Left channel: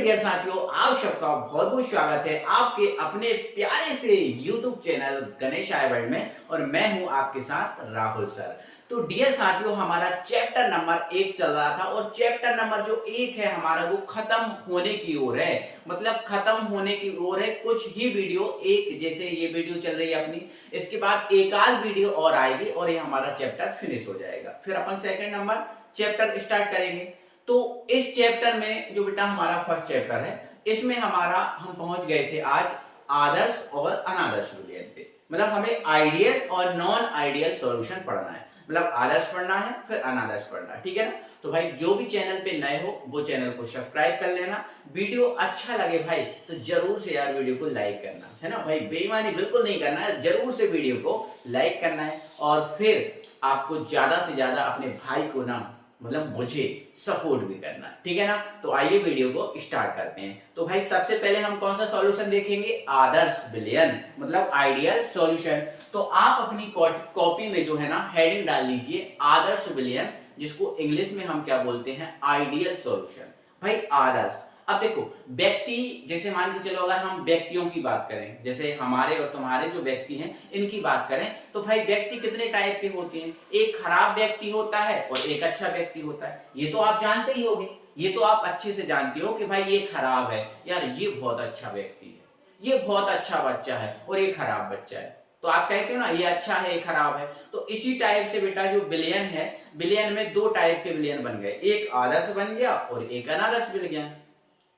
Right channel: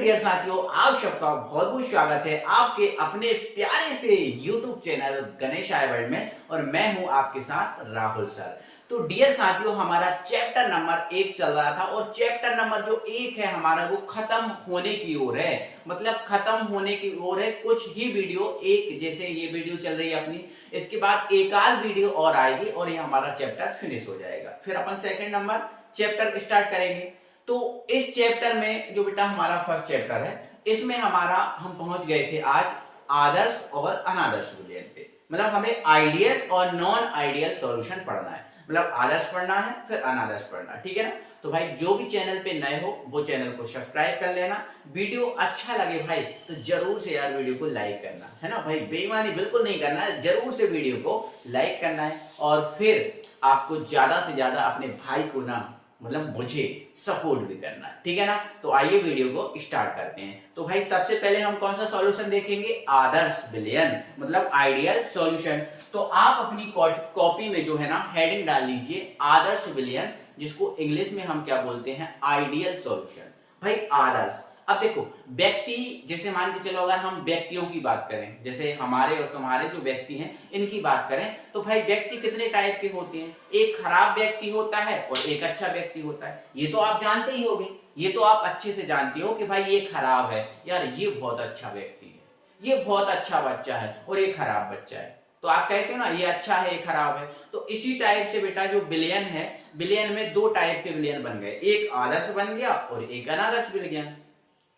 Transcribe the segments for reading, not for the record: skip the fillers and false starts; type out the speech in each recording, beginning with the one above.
Dear साथियों, आप सबका बहुत बहुत स्वागत है आपके अपने प्यारे से YouTube चैनल गणेश आई वर्ल्ड में। और मैं हूं आपके साथ राहुल सर। तो डियर साथियों, हमारा चैप्टर नंबर 1 चल रहा था और चैप्टर नंबर जो 1 है हमारा वो खत्म होने की ओर है। मतलब खत्म होने की ओर है। कुछ ही वीडियो, एक जैसे ये वीडियो चल रही है अपनी, इसके बाद एक आध वीडियो और आएगी और ये हमारा चैप्टर फिनिश हो जाएगा। फिर अपन सेकंड नंबर चैप्टर स्टार्ट करेंगे। तो इस चैप्टर में जो बेटा हमारा फर्स्ट चैप्टर है, इसमें हम पहुंच गए थे आज आदर्श और अनादर्श बूलियन पे। मतलब हमें आइडियल और नॉन आइडियल सॉल्यूशन पढ़ना है। मतलब आदर्श पढ़ना है फिर अनादर्श पढ़ना है, ठीक है ना। तो भाई जो भी चैनल पे नए हो वो चैनल को सब्सक्राइब कर लेना। वीडियो अच्छा लगे भाई तो जरूर से यार वीडियो को लाइक करना है ना भाई, बेईमानी बिल्कुल नहीं करना है, जरूर से वीडियो को लाइक करना है। और फिर आपको ज्यादा से ज्यादा अपने भाई को ना, मतलब मुझे सपोर्ट भी करना है, ठीक है ना। तो आइए वीडियो को स्टार्ट करते हैं। तो भाई सबसे पहले हम कौन सा सॉल्यूशन देखेंगे? आदर्श विलयन, मतलब आइडियल सॉल्यूशन। तो आप अपनी कॉपी में जो है ना हेडिंग डाल लीजिए आदर्श विलयन, जिसको इंग्लिश में हम क्या बोलते हैं? Ideal solution. भाई आदर्श, अब देखो व्यक्ति, जैसे मान के चलो अगर हम व्यक्तियों की बात करें, जैसे हमारे और तुम्हारे जो व्यक्ति हैं इनकी बात करें, तो भाई व्यक्ति कितने टाइप के होते हैं? एक खराब व्यक्ति होता है और एक अच्छा व्यक्ति होता है। ये तो आप जानते ही होंगे, ये तो आप अच्छे से जानते हो कि भाई ये खराब है यार, ये बहुत अच्छा व्यक्ति है, ये बहुत अच्छा बच्चा है और ये खराब बच्चा है। तो आप कहते हो ना ये अच्छा है ये खराब है। तो इसी टाइप से बेटा जो विलयन है, विलयन में दो टाइप के विलयन बन गए, एक आदर्श बन गया और एक अनादर्श विलयन,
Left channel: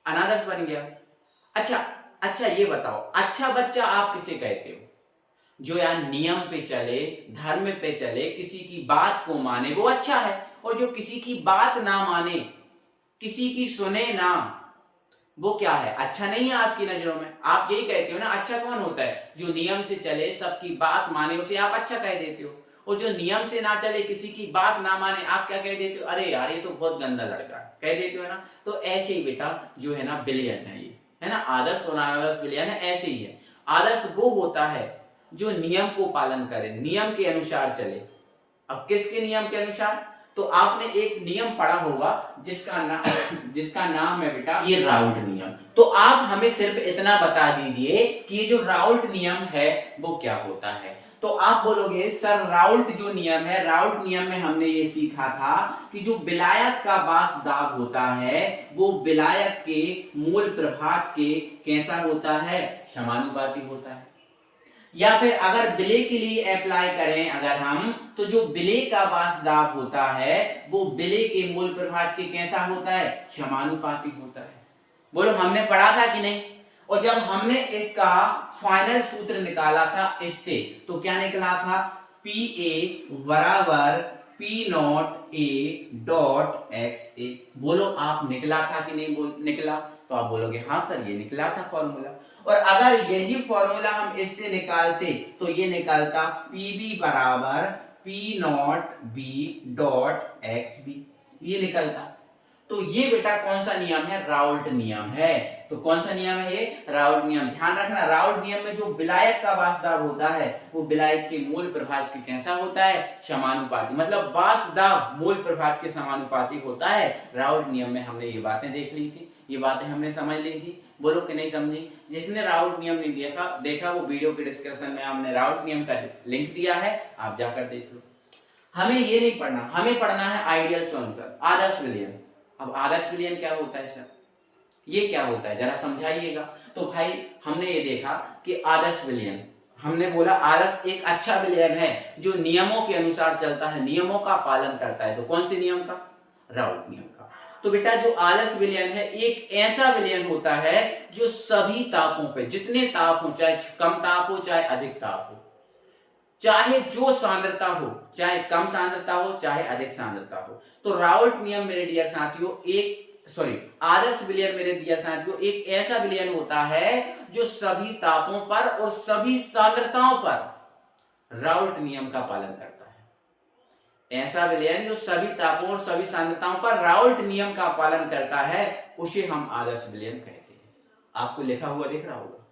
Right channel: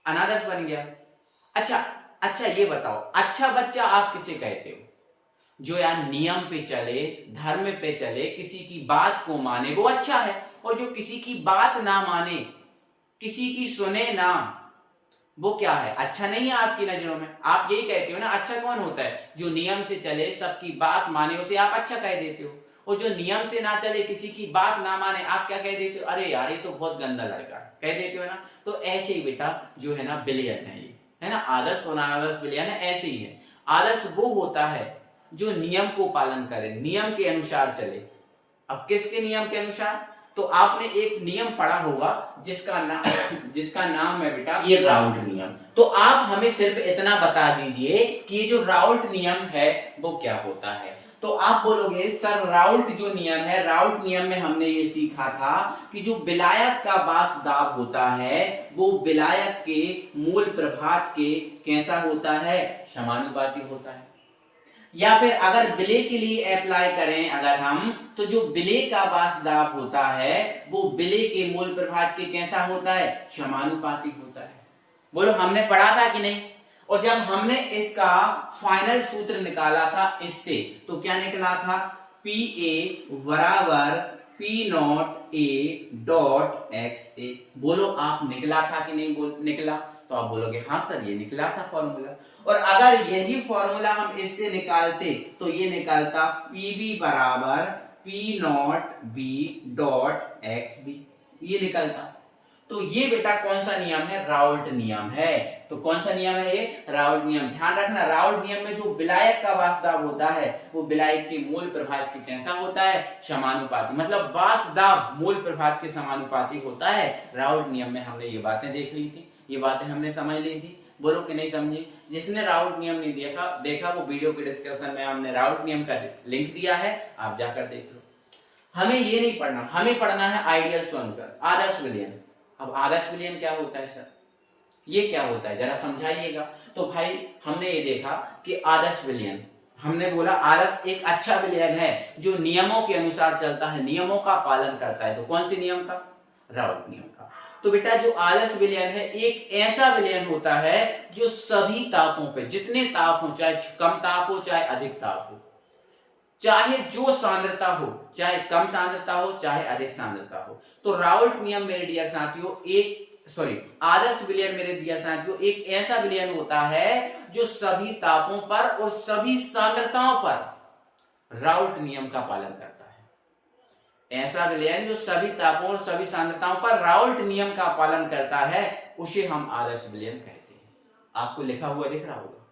अनादर्श बन गया। अच्छा अच्छा, ये बताओ अच्छा बच्चा आप किसे कहते हो? जो यार नियम पे चले, धर्म पे चले, किसी की बात को माने, वो अच्छा है। और जो किसी की बात ना माने, किसी की सुने ना, वो क्या है? अच्छा नहीं है आपकी नजरों में। आप यही कहते हो ना, अच्छा कौन होता है? जो नियम से चले, सबकी बात माने, उसे आप अच्छा कह देते हो। और जो नियम से ना चले, किसी की बात ना माने, आप क्या कह देते हो? अरे यार ये तो बहुत गंदा लड़का है, कह देते हो ना। तो ऐसे ही बेटा जो है ना विलयन है, ये है ना आदर्श और अनादर्श विलयन है, ऐसे ही है। आदर्श वो होता है जो नियम को पालन करे, नियम के अनुसार चले। अब किसके नियम के अनुसार? तो आपने एक नियम पढ़ा होगा जिसका नाम है बेटा ये राउल्ट नियम। तो आप हमें सिर्फ इतना बता दीजिए कि ये जो राउल्ट नियम है वो क्या होता है। तो आप बोलोगे सर राउल्ट जो नियम है, राउल्ट नियम में हमने ये सीखा था कि जो विलायक का बास दाब होता है वो विलायक के मूल प्रभाज के कैसा होता है? समानुपाती होता है। या फिर अगर विलय के लिए अप्लाई करें अगर हम, तो जो विलय का बास दाब होता है वो विलय के मूल प्रभाज के कैसा होता है? समानुपाती होता है। बोलो हमने पढ़ा था कि नहीं? और जब हमने इसका फाइनल सूत्र निकाला था इससे, तो क्या निकला था? पी ए बराबर P naught A dot X A. बोलो आप निकला था कि नहीं निकला? तो आप बोलोगे हाँ सर ये निकला था फॉर्मूला। और अगर यही फॉर्मूला हम इससे निकालते तो ये निकलता पी बी बराबर P naught B dot X B, ये निकलता। तो ये बेटा कौन सा नियम है? राउल्ट नियम है। तो कौन सा नियम है ये? राउल्ट नियम। ध्यान रखना, राउल्ट नियम में जो विलायक का बासदाब होता है वो विलायक के मूल प्रभाज के कैसा होता है? समानुपाती। मतलब बासदाब मूल प्रभाज के समानुपाती होता है। राउल्ट नियम में हमने ये बातें देख ली थी, ये बातें हमने समझ ली थी। बोलो कि नहीं समझी? जिसने राउल्ट नियम नहीं देखा वो वीडियो के डिस्क्रिप्शन में हमने राउल्ट नियम का लिंक दिया है, आप जाकर देख लो। हमें ये नहीं पढ़ना, हमें पढ़ना है आइडियल सॉल्यूशन, आदर्श विलयन। अब आदर्श विलयन क्या होता है सर? ये क्या होता है जरा समझाइएगा। तो भाई हमने ये देखा कि आदर्श विलयन, हमने बोला आदर्श एक अच्छा विलयन है जो नियमों के अनुसार चलता है, नियमों का पालन करता है। तो कौन से नियम का? राउल्ट नियम का। तो बेटा जो आदर्श विलयन है एक ऐसा विलयन होता है जो सभी तापों पे, जितने ताप हो, चाहे कम ताप हो चाहे अधिक ताप हो, चाहे जो सांद्रता हो, चाहे कम सांद्रता हो चाहे अधिक सांद्रता हो। तो राउल्ट नियम मेरे डियर साथियों आदर्श विलयन मेरे डियर साथियों एक ऐसा विलयन होता है जो सभी तापों पर और सभी सांद्रताओं पर राउल्ट नियम का पालन करता है। ऐसा विलयन जो सभी तापों और सभी सांद्रताओं पर राउल्ट नियम का पालन करता है, उसे हम आदर्श विलयन कहते हैं। आपको लिखा हुआ दिख रहा होगा,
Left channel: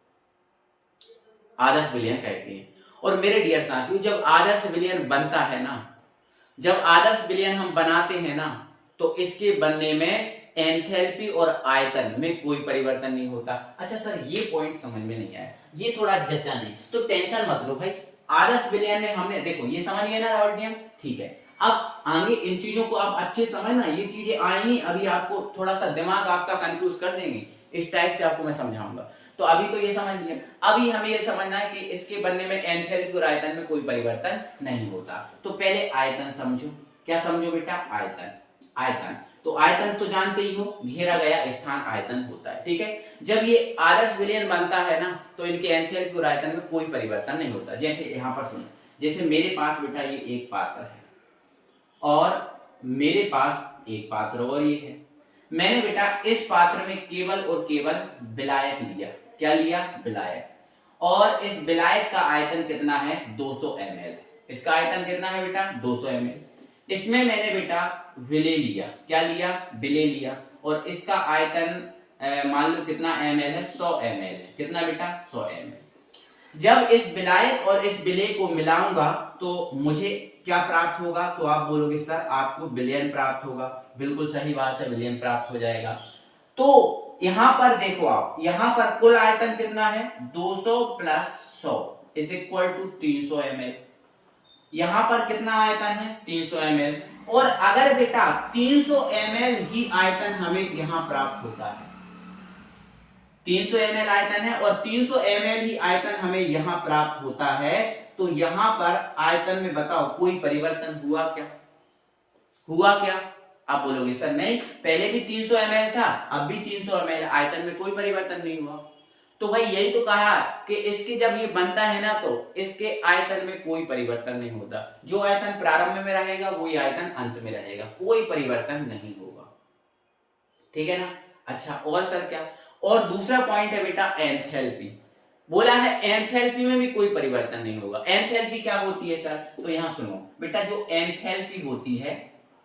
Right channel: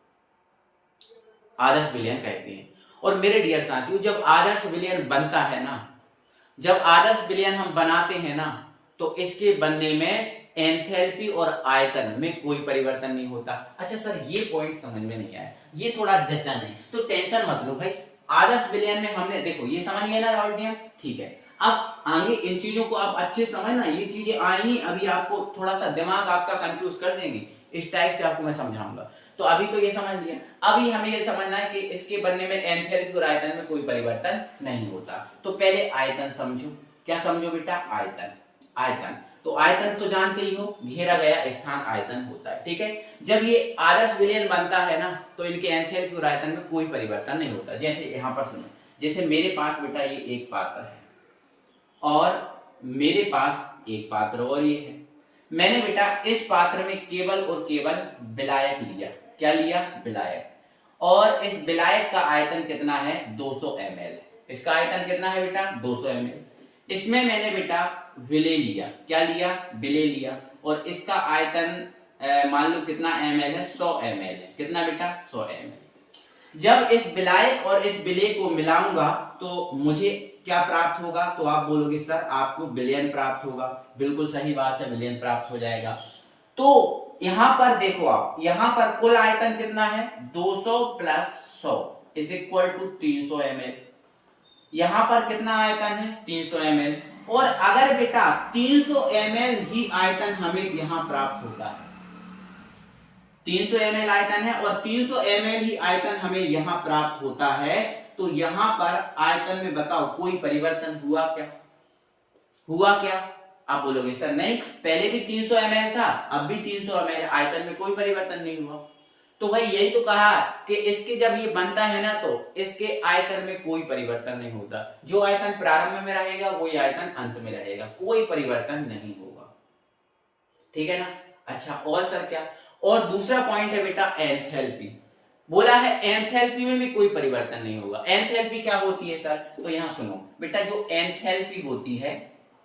आदर्श विलयन कहते हैं। और मेरे डियर साथियों जब आदर्श विलयन बनता है ना, जब आदर्श विलयन हम बनाते हैं ना, तो इसके बनने में एंथैल्पी और आयतन में कोई परिवर्तन नहीं होता। अच्छा सर ये पॉइंट समझ में नहीं आया, ये थोड़ा जचा नहीं, तो टेंशन मत लो भाई। आदर्श विलयन में हमने देखो ये समझ गया ना राहुल नियम, ठीक है। अब आगे इन चीजों को आप अच्छे समझना, ये चीजें आई अभी आपको थोड़ा सा दिमाग आपका कंफ्यूज कर देंगे, इस टाइप से आपको मैं समझाऊंगा। तो अभी तो ये समझ लिया, अभी हमें ये समझना है कि इसके बनने में एंथैल्पी और आयतन में कोई परिवर्तन नहीं होता। तो पहले आयतन समझो, क्या समझो बेटा, आयतन। आयतन तो आयतन तो जानते ही हो, घेरा गया स्थान आयतन होता है, ठीक है। जब ये आदर्श विलयन बनता है ना तो इनके एंथैल्पी और आयतन में कोई परिवर्तन नहीं होता। जैसे यहाँ पर सुनो, जैसे मेरे पास बेटा ये एक पात्र है और मेरे पास एक पात्र और ये है, मैंने बेटा इस पात्र में केवल और केवल विलायक लिया। क्या लिया, विलायक। और इस विलायक का आयतन कितना है, 200 ml। इसका आयतन कितना है बेटा, 200 ml। इसमें मैंने बेटा विलेय लिया, क्या लिया, विलेय लिया, और इसका आयतन मान लो कितना ml है, 100 ml है। कितना बेटा, 100 ml। जब इस विलायक और इस विलेय को मिलाऊंगा तो मुझे क्या प्राप्त होगा, तो आप बोलोगे सर आपको विलयन प्राप्त होगा। बिल्कुल सही बात है, विलयन प्राप्त हो जाएगा। तो यहां पर देखो आप, यहां पर कुल आयतन कितना है, 200 plus 100 is equal to 300 ml। यहां पर कितना आयतन है, 300 ml। और अगर बेटा 300 ml ही आयतन हमें यहां प्राप्त होता है, 300 ml आयतन है और 300 ml ही आयतन हमें यहां प्राप्त होता है, तो यहां पर आयतन में बताओ कोई परिवर्तन हुआ क्या, हुआ क्या? आप बोलोगे सर नहीं, पहले भी 300 ml था, अब भी 300 ml, आयतन में कोई परिवर्तन नहीं हुआ। तो भाई यही तो कहा कि इसके जब ये बनता है ना तो इसके आयतन में कोई परिवर्तन नहीं होता। जो आयतन प्रारंभ में रहेगा वही आयतन अंत में रहेगा, कोई परिवर्तन नहीं होगा, ठीक है ना। अच्छा और सर क्या, और दूसरा पॉइंट है बेटा एंथैल्पी। बोला है एंथैल्पी में भी कोई परिवर्तन नहीं होगा। एंथैल्पी क्या होती है सर, तो यहां सुनो बेटा, जो एंथैल्पी होती है,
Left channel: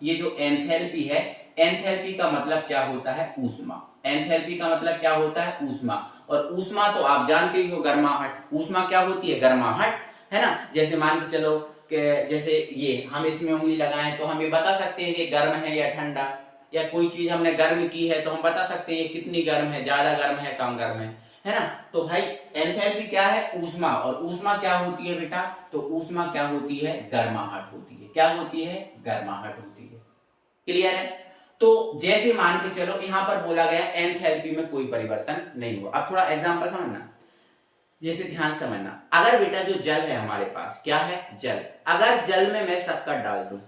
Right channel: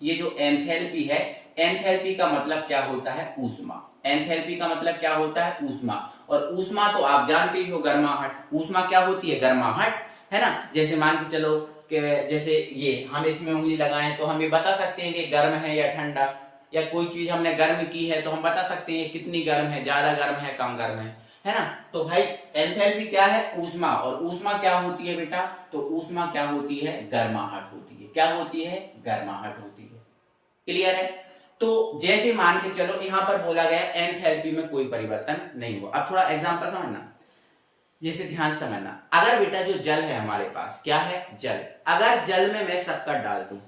ये जो एंथैल्पी है, एंथैल्पी का मतलब क्या होता है, ऊष्मा। एंथैल्पी का मतलब क्या होता है, ऊष्मा। और ऊष्मा तो आप जानते ही हो, गर्माहट। ऊष्मा क्या होती है, गर्माहट, है ना। जैसे मान के चलो कि जैसे ये हम इसमें उंगली लगाएं तो हम ये बता सकते हैं कि गर्म है या ठंडा, या कोई चीज हमने गर्म की है तो हम बता सकते हैं कितनी गर्म है, ज्यादा गर्म है, कम गर्म है ना। तो भाई एंथैल्पी क्या है, ऊष्मा। और ऊष्मा क्या होती है बेटा, तो ऊष्मा क्या होती है, गर्माहट होती है। क्या होती है, गर्माहट होती है। क्लियर है। तो जैसे मान के चलो यहां पर बोला गया एंथैल्पी में कोई परिवर्तन नहीं हुआ। अब थोड़ा एग्जांपल समझना, जैसे ध्यान समझना। अगर बेटा जो जल है हमारे पास, क्या है, जल। अगर जल में मैं शक्कर डाल दूं,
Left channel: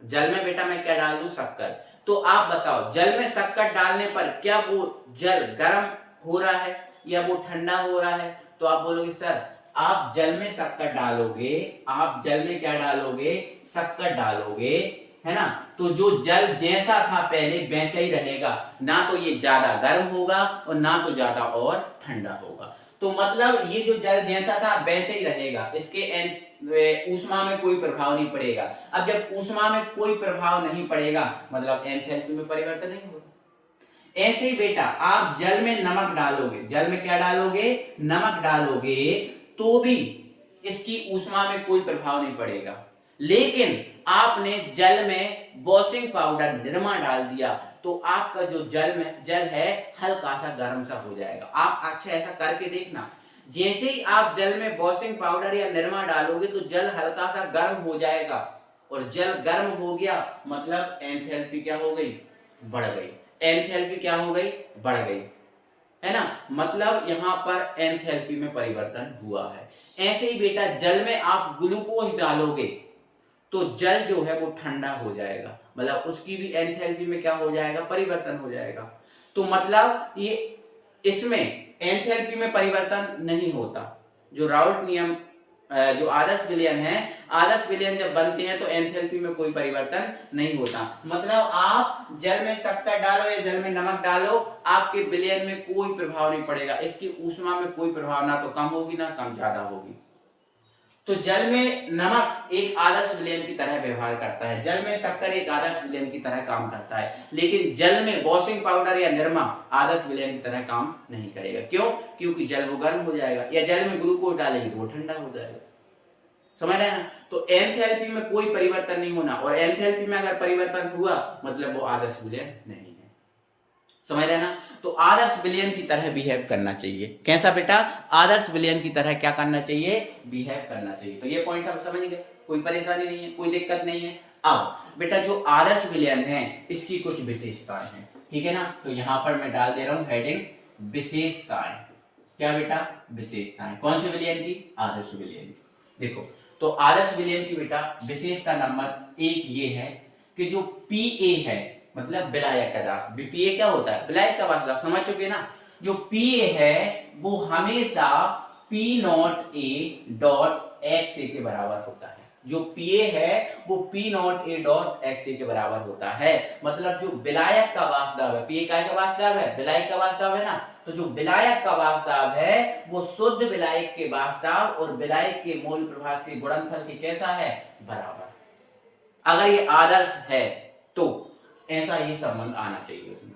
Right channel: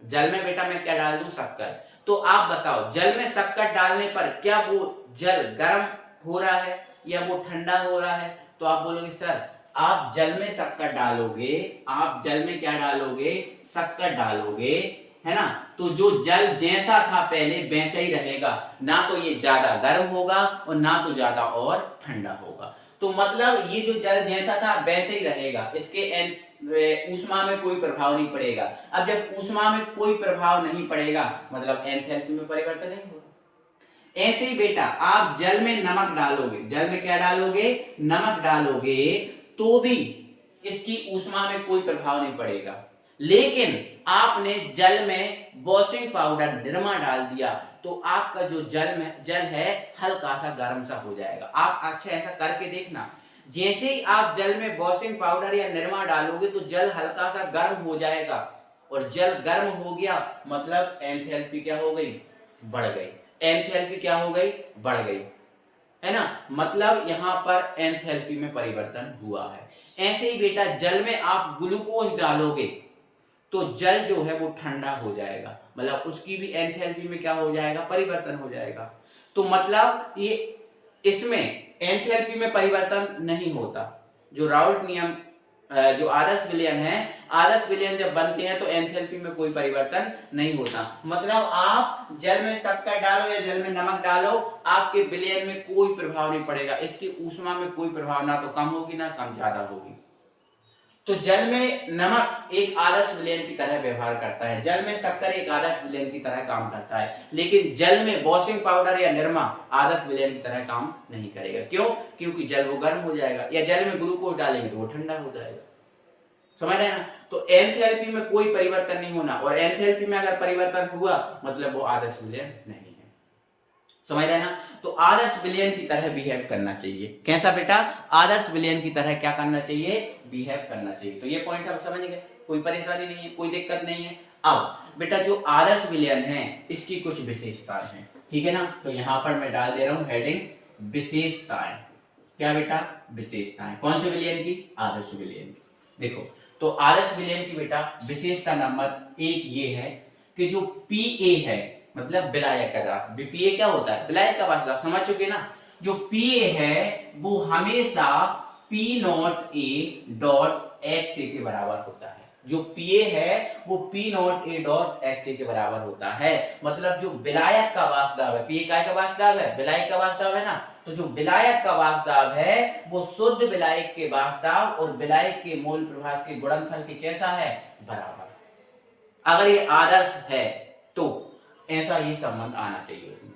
जल में बेटा मैं क्या डाल दूं, शक्कर, तो आप बताओ जल में शक्कर डालने पर क्या वो जल गर्म हो रहा है या वो ठंडा हो रहा है? तो आप बोलोगे सर आप जल में शक्कर डालोगे, आप जल में क्या डालोगे, शक्कर डालोगे, है ना, तो जो जल जैसा था पहले वैसे ही रहेगा, ना तो ये ज्यादा गर्म होगा और ना तो ज्यादा और ठंडा होगा। तो मतलब ये जो जल जैसा था वैसे ही रहेगा, इसके ऊष्मा में कोई प्रभाव नहीं पड़ेगा। अब जब ऊष्मा में कोई प्रभाव नहीं पड़ेगा मतलब एंथैल्पी में परिवर्तन नहीं होगा। ऐसे ही बेटा आप जल में नमक डालोगे, जल में क्या डालोगे, नमक डालोगे, तो भी इसकी ऊष्मा में कोई प्रभाव नहीं पड़ेगा। लेकिन आपने जल में वॉशिंग पाउडर निरमा डाल दिया तो आपका जो जल है हल्का सा गर्म सा हो जाएगा। आप अच्छा ऐसा करके देखना, जैसे ही आप जल में वॉशिंग पाउडर या निरमा डालोगे तो जल हल्का सा गर्म हो जाएगा, और जल गर्म हो गया मतलब एंथैल्पी क्या हो गई, बढ़ गई। एंथैल्पी क्या हो गई, बढ़ गई, है ना। मतलब यहां पर एंथैल्पी में परिवर्तन हुआ है। ऐसे ही बेटा जल में आप ग्लूकोज डालोगे तो जल जो है वो ठंडा हो जाएगा, मतलब उसकी भी एंथैल्पी में क्या हो जाएगा, परिवर्तन हो जाएगा। तो मतलब ये इसमें एंथैल्पी में परिवर्तन नहीं होता। जो राउल्ट नियम, जो आदर्श विलयन है, आदर्श विलयन जब बनते हैं तो एंथैल्पी में कोई परिवर्तन नहीं होता। मतलब आप जल में शक्कर डालो या जल में नमक डालो, आपके विलयन में कोई प्रभाव नहीं पड़ेगा, इसकी ऊष्मा में कोई प्रभाव ना तो कम होगी ना कम ज्यादा होगी। तो जल में नमक एक आदर्श विलयन की तरह व्यवहार करता है, जल में शक्कर एक आदर्श विलयन की तरह काम करता है, लेकिन जल में वॉशिंग पाउडर या निरमा आदर्श विलयन की तरह काम नहीं करेगा। क्यों? क्योंकि जल वो गर्म हो जाएगा, या जल में ग्लूकोज डालेंगे तो वो ठंडा हो जाएगा। समझ रहे हैं ना। तो एंथैल्पी में कोई परिवर्तन नहीं होना, और एंथैल्पी में अगर परिवर्तन हुआ मतलब वो आदर्श विलयन नहीं है। समझ रहे ना। तो आदर्श विलयन की तरह बिहेव करना चाहिए। कैसा बेटा? आदर्श विलयन की तरह क्या करना चाहिए? बिहेव करना चाहिए। तो ये पॉइंट हम समझ गए, कोई परेशानी नहीं है, कोई दिक्कत नहीं है। अब बेटा जो आदर्श विलयन है इसकी कुछ विशेषताएं हैं, ठीक है ना। तो यहां पर मैं डाल दे रहा हूं हेडिंग विशेषताएं। क्या बेटा? विशेषताएं। कौन से विलयन की? आदर्श विलयन की। देखो तो आदर्श विलयन की बेटा विशेषता नंबर 1 ये है कि जो पीए है मतलब विलायक का दाब, पीए क्या होता है? विलायक का दाब, समझ चुके ना। जो पीए है वो हमेशा P naught A dot X A के बराबर होता है। जो पीए है वो P naught A dot X A के बराबर होता है। मतलब जो विलायक का वास्तव है, पीए का वास्तव है, विलायक का वास्तव है ना। तो जो विलायक का वास्तव है वो शुद्ध विलायक के वास्तव और विलायक के मूल प्रभाव के गुणनफल के कैसा है? बराबर। अगर ये आदर्श है तो ऐसा ही संबंध आना चाहिए उसमें।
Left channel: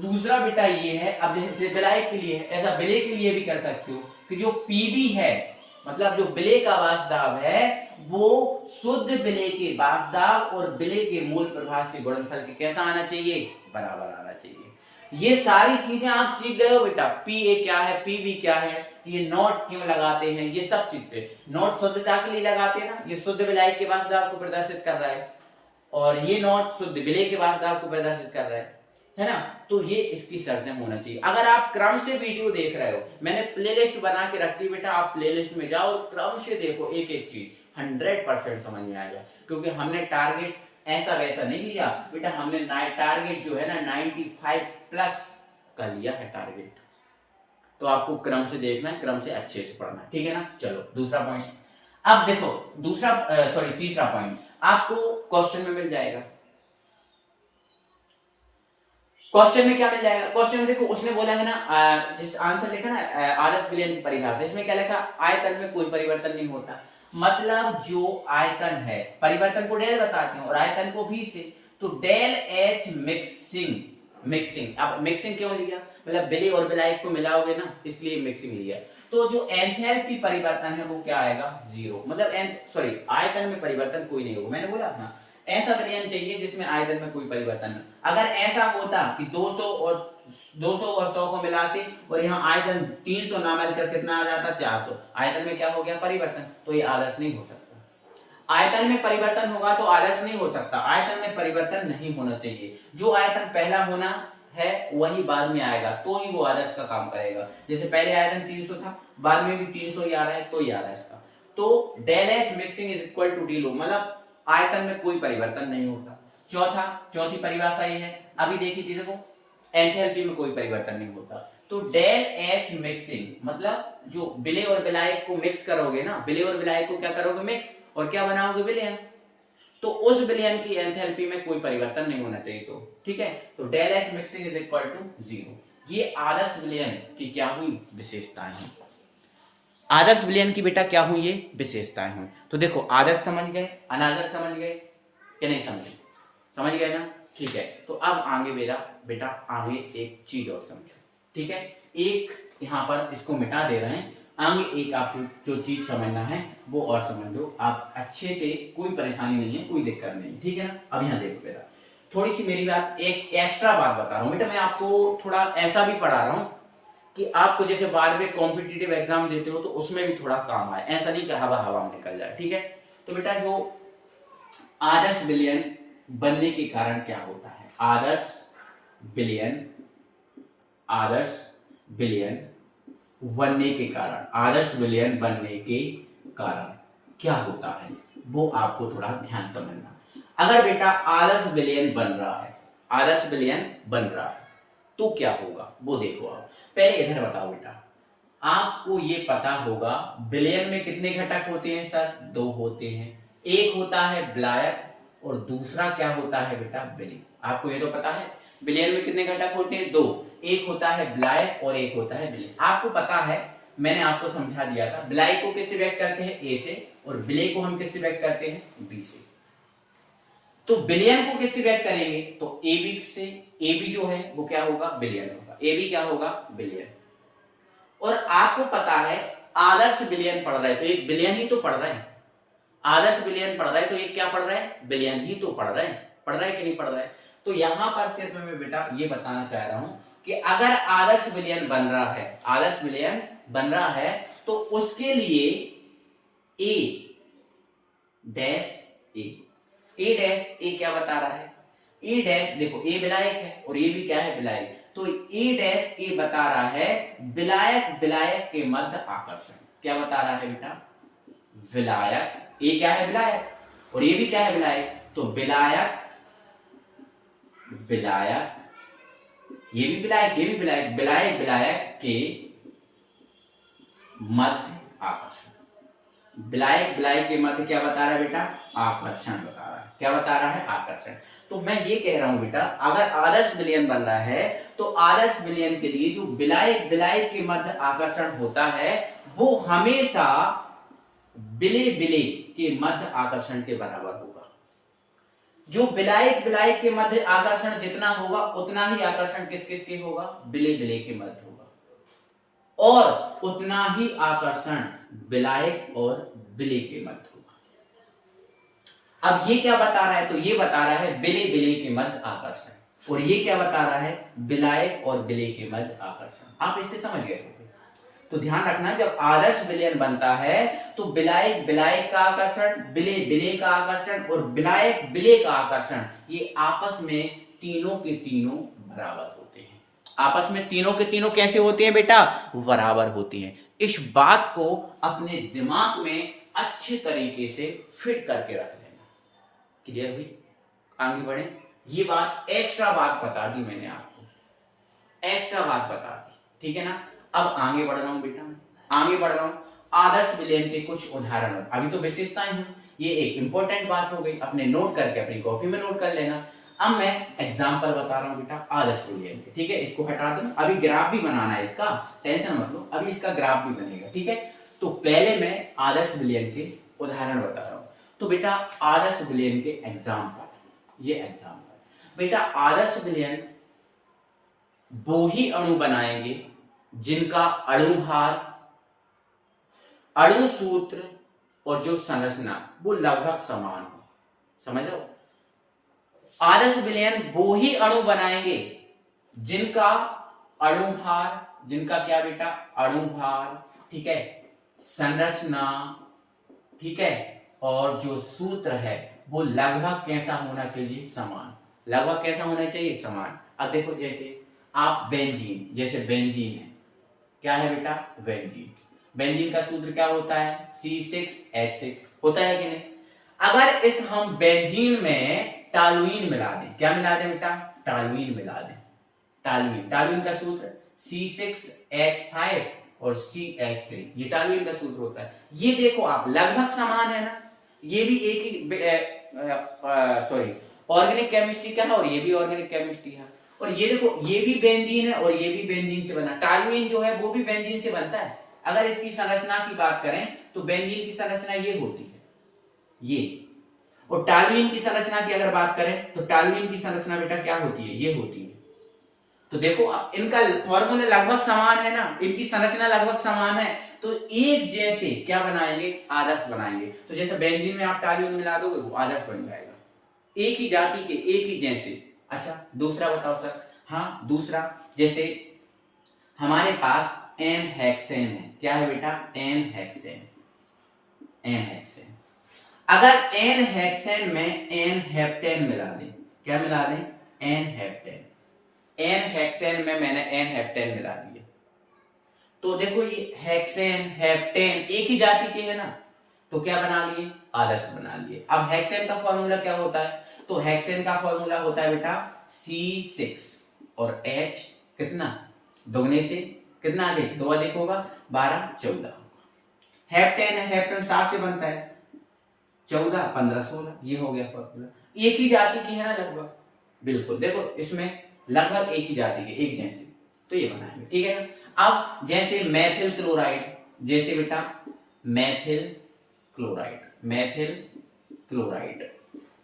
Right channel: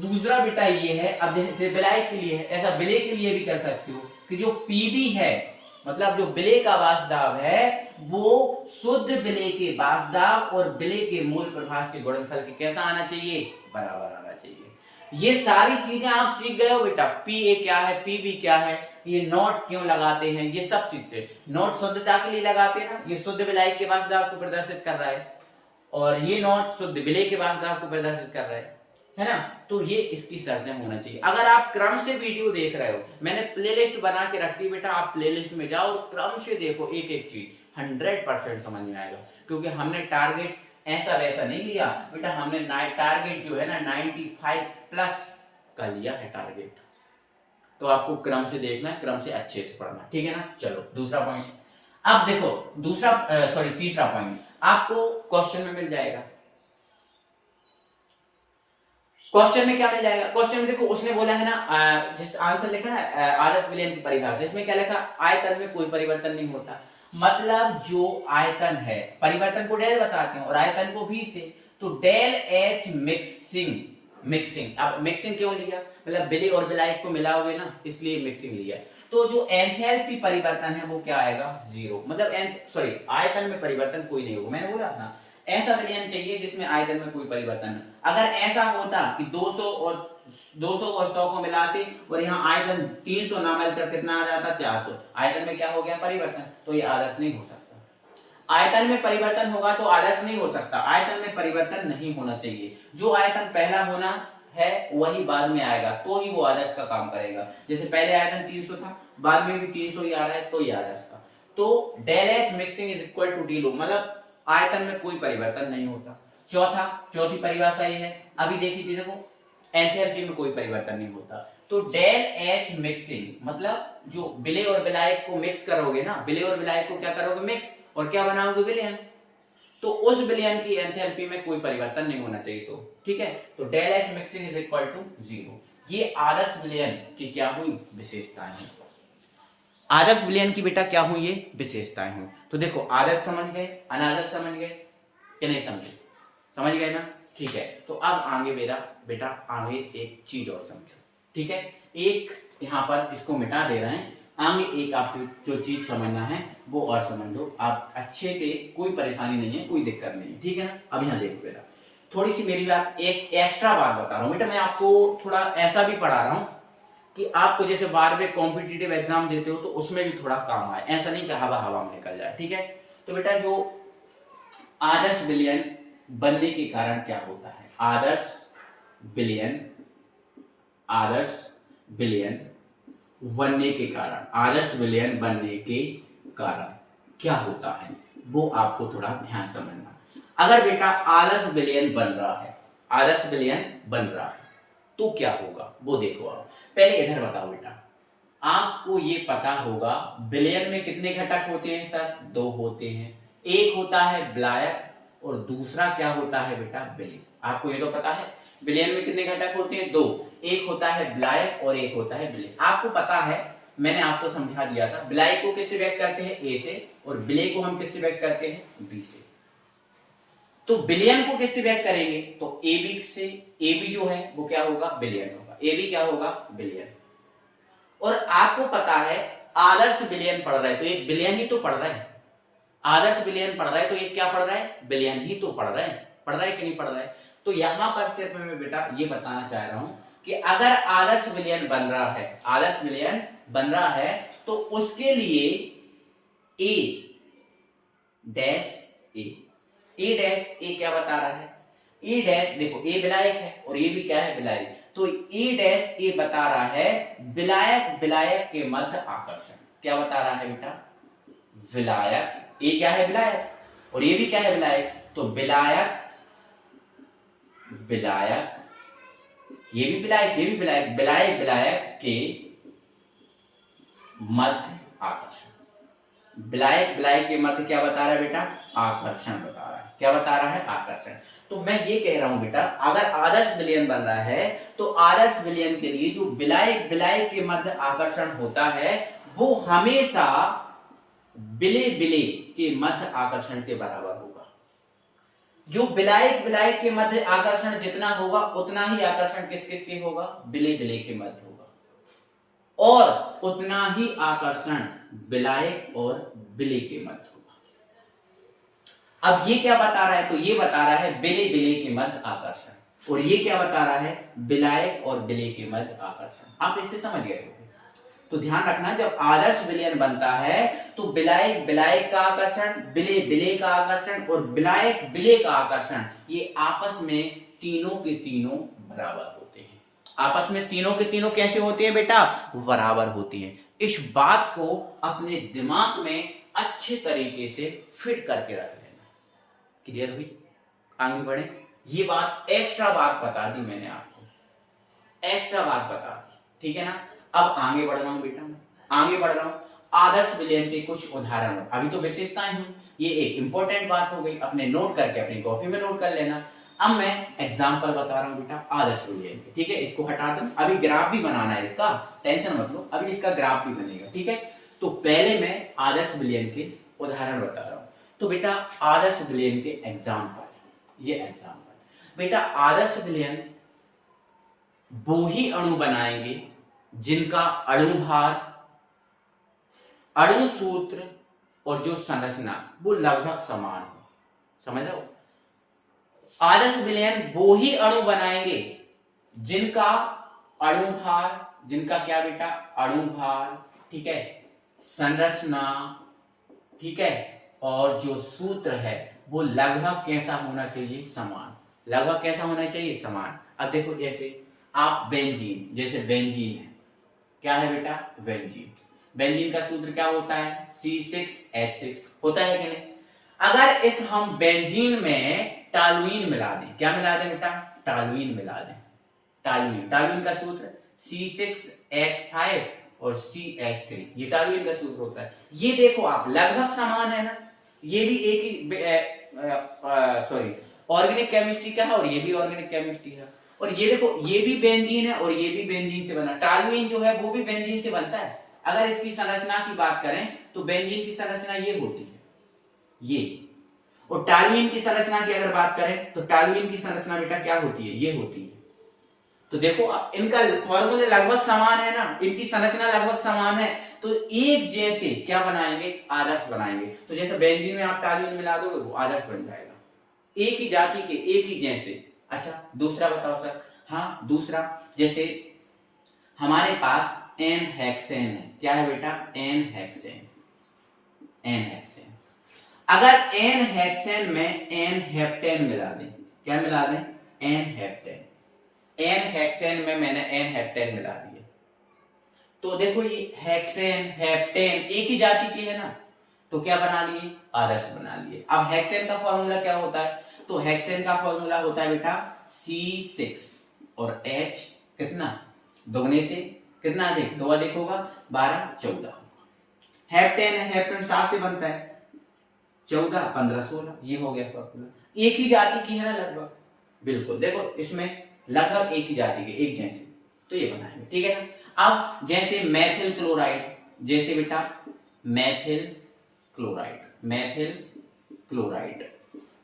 दूसरा बेटा ये है, अब जैसे विलायक के लिए है ऐसा विलय के लिए भी कर सकते हो कि जो पीबी है मतलब जो विलय का वास्तव है वो शुद्ध विलय के वास्तव और विलय के मूल प्रभाव के गुणनफल के कैसा आना चाहिए? बराबर आना चाहिए। ये सारी चीजें आप सीख गए हो बेटा। पी ए क्या है, पीबी क्या है, ये नोट क्यों लगाते हैं, ये सब सीखते। नोट शुद्धता के लिए लगाते हैं ना, ये शुद्ध विलायक के वास्तव को प्रदर्शित कर रहा है और ये नोट शुद्ध विलय के वास्तव को प्रदर्शित कर रहा है ना। तो ये इसकी शर्तें होना चाहिए। अगर आप क्रम से वीडियो देख रहे हो, मैंने प्लेलिस्ट बना के रख दी बेटा, आप प्लेलिस्ट में जाओ और क्रम से देखो एक एक चीज, 100% समझ में आएगा। क्योंकि हमने टारगेट ऐसा वैसा नहीं लिया बेटा, हमने टारगेट जो है ना 95 प्लस का लिया है टारगेट। तो आपको क्रम से देखना है, क्रम से अच्छे से पढ़ना है, ठीक है ना। चलो दूसरा पॉइंट। अब देखो तीसरा पॉइंट आपको क्वेश्चन में मिल जाएगा। क्वेश्चन में क्या मिल जाएगा? क्वेश्चन में देखो उसने बोला है ना, जिस आंसर लिखा ना आदर्श विलयन की परिभाषा, इसमें क्या लिखा? आयतन में कोई परिवर्तन नहीं होता। मतलब जो आयतन है, परिवर्तन को डेल बताते हैं और आयतन को भी से, तो डेल एच मिक्सिंग। अब मिक्सिंग क्यों लिया? मतलब विलय और विलायक को मिलाओगे ना, इसलिए मिक्सिंग लिया। तो जो एंथैल्पी परिवर्तन है वो क्या आएगा? 0। मतलब आयतन में परिवर्तन कोई नहीं होगा। मैंने बोला ना ऐसा विलयन चाहिए जिसमें आयतन में कोई परिवर्तन न। अगर ऐसा होता कि 200 और 100 को मिलाते और यहाँ आयतन 300 ना मिलकर कितना आ जाता? 400। आयतन में क्या हो गया? परिवर्तन। तो ये आदर्श नहीं हो सकता। आयतन में परिवर्तन होगा तो आदर्श नहीं हो सकता। आयतन में परिवर्तन नहीं होना चाहिए। जो आयतन पहला होना है वही बाद में आएगा तो ही वो आदर्श का काम करेगा। जैसे पहले आयतन 300 था, बाद में भी 300 ही आ रहा है तो ये आदर्श का। तो del H mixing is equal to D लो, मतलब आयतन में कोई परिवर्तन नहीं होता। चौथी परिभाषा ये है, अभी देखी थी देखो, एंथैल्पी में कोई परिवर्तन नहीं होता। तो डेल एच मिक्सिंग मतलब जो विलय और विलायक को मिक्स करोगे ना, विलय और विलायक को क्या करोगे? मिक्स, और क्या बनाओगे? विलयन। तो उस विलयन की एंथैल्पी में कोई परिवर्तन नहीं होना चाहिए। तो ठीक है, तो del H mixing is equal to 0। ये आदर्श विलयन की क्या हुई? विशेषताएं हैं। आदर्श विलयन की बेटा क्या हुई? ये विशेषताएं हुई। तो देखो आदर्श समझ गए, अनादर्श समझ गए या नहीं समझे? समझ गए ना, ठीक है। तो अब आगे मेरा बेटा आगे एक चीज और समझो, ठीक है। एक यहां पर इसको मिटा दे रहे हैं, आगे एक आप जो चीज समझना है वो और समझ लो आप अच्छे से, कोई परेशानी नहीं है, कोई दिक्कत नहीं, ठीक है ना। अब यहाँ देखो बेटा, थोड़ी सी मेरी बात, एक एक्स्ट्रा बात बता रहा हूँ बेटा, मैं आपको थोड़ा ऐसा भी पढ़ा रहा हूँ कि आपको जैसे बाद में कॉम्पिटिटिव एग्जाम देते हो तो उसमें भी थोड़ा काम आए, ऐसा नहीं कि हवा में निकल जाए, ठीक है। तो बेटा जो आदर्श विलयन बनने के कारण क्या होता है? आदर्श विलयन बनने के कारण, आदर्श विलयन बनने के कारण क्या होता है वो आपको थोड़ा ध्यान समझना। अगर बेटा आदर्श विलयन बन रहा है तो क्या होगा वो देखो। आप पहले इधर बताओ बेटा, आपको ये पता होगा विलयन में कितने घटक होते हैं सर? 2 होते हैं। एक होता है विलायक और दूसरा क्या होता है बेटा? विलय। आपको ये तो पता है विलयन में कितने घटक होते हैं? 2। एक होता है विलायक और एक होता है विलय। आपको पता है, मैंने आपको समझा दिया था, विलायक को किससे व्यक्त करते हैं? ए से, और विलय को हम किससे व्यक्त करते हैं? बी से। तो विलयन को किससे व्यक्त करेंगे? तो ए बी से। ए बी जो है वो क्या होगा? विलयन होगा। ए बी क्या होगा? विलयन। और आपको पता है आदर्श विलयन पढ़ रहा है तो एक विलयन ही तो पढ़ रहा है। आदर्श विलयन पढ़ रहा है तो एक क्या पढ़ रहा है? विलयन ही तो पढ़ रहा है कि नहीं पढ़ रहा है? तो यहां पर सिर्फ मैं बेटा ये बताना चाह रहा हूं कि अगर आदर्श विलयन बन रहा है, आदर्श विलयन बन रहा है, तो उसके लिए ए डैश ए डैश ए क्या बता रहा है, ए डैश देखो ए विलायक है और ये भी क्या है विलायक, तो ए डैश ए बता रहा है विलायक विलायक के मध्य आकर्षण। क्या बता रहा है बेटा, विलायक, ए क्या है विलायक और ये भी क्या है विलायक, तो विलायक विलायक, ये भी विलायक ये भी विलायक, विलायक विलायक के मध्य आकर्षण। विलायक विलायक के मध्य क्या बता रहा है बेटा, आकर्षण बता रहा है। क्या बता रहा है, आकर्षण। तो मैं ये कह रहा हूं बेटा, अगर आदर्श विलयन बन रहा है तो आदर्श विलयन के लिए जो विलायक विलायक के मध्य आकर्षण होता है वो हमेशा विलय विलय के मध्य आकर्षण के बराबर होगा। जो विलायक विलायक के मध्य आकर्षण जितना होगा उतना ही आकर्षण किस किस के होगा, विलय विलय के मध्य होगा, और उतना ही आकर्षण विलायक और विलय के मध्य होगा। अब ये क्या बता रहा है, तो ये बता रहा है विलय विलय के मध्य आकर्षण, और ये क्या बता रहा है, विलायक और विलय के मध्य आकर्षण। आप इससे समझ गए होंगे। तो ध्यान रखना, जब आदर्श विलयन बनता है तो विलायक विलायक का आकर्षण, विलय विलय का आकर्षण और विलायक विलय का आकर्षण, ये आपस में तीनों के तीनों बराबर होते हैं। आपस में तीनों के तीनों कैसे होते हैं बेटा, बराबर होते हैं। इस बात को अपने दिमाग में अच्छे तरीके से फिट करके रख लेना। क्लियर हुई, आगे बढ़े। ये बात एक्स्ट्रा बात बता दी मैंने आपको, एक्स्ट्रा बात बता दी, ठीक है ना। अब आगे बढ़ रहा हूं बेटा, आगे बढ़ रहा हूं। आदर्श विलयन के कुछ उदाहरण, अभी तो विशेषताएं हुई, ये एक इंपॉर्टेंट बात हो गई, अपने नोट करके अपनी कॉपी में नोट कर लेना। अब मैं एग्जांपल बता रहा हूं बेटा आदर्श विलयन के, ठीक है। इसको हटा दूं, अभी ग्राफ भी बनाना है इसका, टेंशन मत लो, अभी इसका ग्राफ भी बनेगा, ठीक है। तो पहले मैं आदर्श विलयन के उदाहरण बता रहा हूं। तो बेटा आदर्श विलयन के एग्जाम्पल, ये एग्जाम्पल बेटा, आदर्श विलयन वो ही अणु बनाएंगे जिनका अणुभार, अणु सूत्र और जो संरचना वो लगभग समान हो। समझ रहे हो, आदर्श विलयन वो ही अणु बनाएंगे जिनका अणुभार, जिनका क्या बेटा, अणुभार, ठीक है, संरचना, ठीक है, और जो सूत्र है वो लगभग कैसा होना चाहिए, समान। लगभग कैसा होना चाहिए, समान। अब देखो, जैसे आप बेंजीन, जैसे बेंजीन है, क्या है बेटा, बेंजीन। बेंजीन का सूत्र क्या होता है, C6H6 होता है कि नहीं। अगर इस हम बेंजीन में टॉलुइन मिला दें, क्या मिला दें बेटा, टॉलुइन मिला दें, टॉलुइन, टॉलुइन का सूत्र C6H5 और CH3, ये टॉलुइन का सूत्र होता है। ये देखो आप, लगभग समान है ना, ये भी एक ही सॉरी ऑर्गेनिक केमिस्ट्री का है और ये भी ऑर्गेनिक केमिस्ट्री है, और ये देखो ये भी बेंजीन है और ये भी बेंजीन से बना, टॉलुइन जो है वो भी बेंजीन से बनता है। अगर इसकी संरचना की बात करें तो बेंजीन की संरचना ये होती है, ये, और टॉलुइन की संरचना की अगर बात करें तो टॉलुइन की संरचना बेटा क्या होती है, ये होती है। तो देखो इनका फॉर्मूला लगभग समान है ना, इनकी संरचना लगभग समान है, तो एक जैसे क्या बनाएंगे, आदर्श बनाएंगे। तो जैसे बेंजीन में आप टॉलुइन मिला दोगे वो आदर्श बन जाएगा, एक ही जाति के, एक ही जैसे। अच्छा दूसरा बताओ सर, हाँ दूसरा, जैसे हमारे पास एन हेक्सेन है, क्या है बेटा, एन हेक्सेन, एन हेक्सेन। अगर एन हेक्सेन में एन हेप्टेन मिला दें, क्या मिला दें, एन हेप्टेन, एन हेक्सेन में मैंने एन हेप्टेन मिला दिए, तो देखो ये हेक्सेन हेप्टेन एक ही जाति के है ना, तो क्या बना लिए, आदर्श बना लिए। अब हेक्सेन का फॉर्मूला क्या होता है, तो हेक्सेन का फॉर्मूला होता है बेटा C6 और H कितना, दोगुने से कितना अधिक, दो अधिक होगा 12 14 होगा। हेप्टेन है, हेप्टेन 7 से बनता है, 14 15 16, ये हो गया फॉर्मूला। एक ही जाति की है ना लगभग, बिल्कुल देखो इसमें लगभग एक ही जाति के, एक जैसे, तो ये बनाएंगे, ठीक है ना। अब जैसे मैथिल क्लोराइड, जैसे बेटा मैथिल क्लोराइड, मैथिल क्लोराइड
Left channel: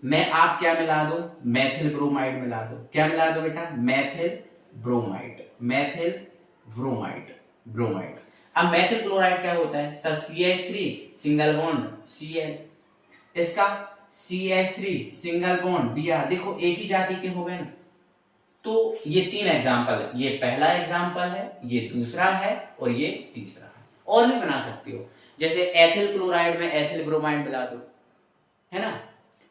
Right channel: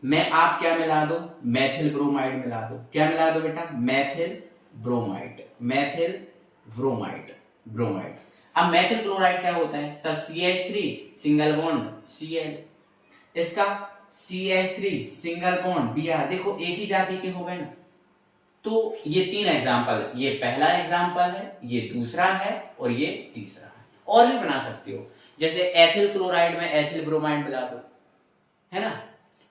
में आप क्या मिला दो, मैथिल ब्रोमाइड मिला दो, क्या मिला दो बेटा, Maithil bromide, Maithil bromide, bromide. अब मैथिल क्लोराइड क्या होता है sir, CH3 single bond Cl, इसका CH3 सिंगल बॉन्ड Br, देखो एक ही जाति के हो गए ना। तो ये 3 एग्जाम्पल, ये पहला एग्जाम्पल है, ये दूसरा है और ये तीसरा है। और भी बना सकते हो, जैसे एथिल क्लोराइड में एथिल ब्रोमाइड मिला दो, है ना,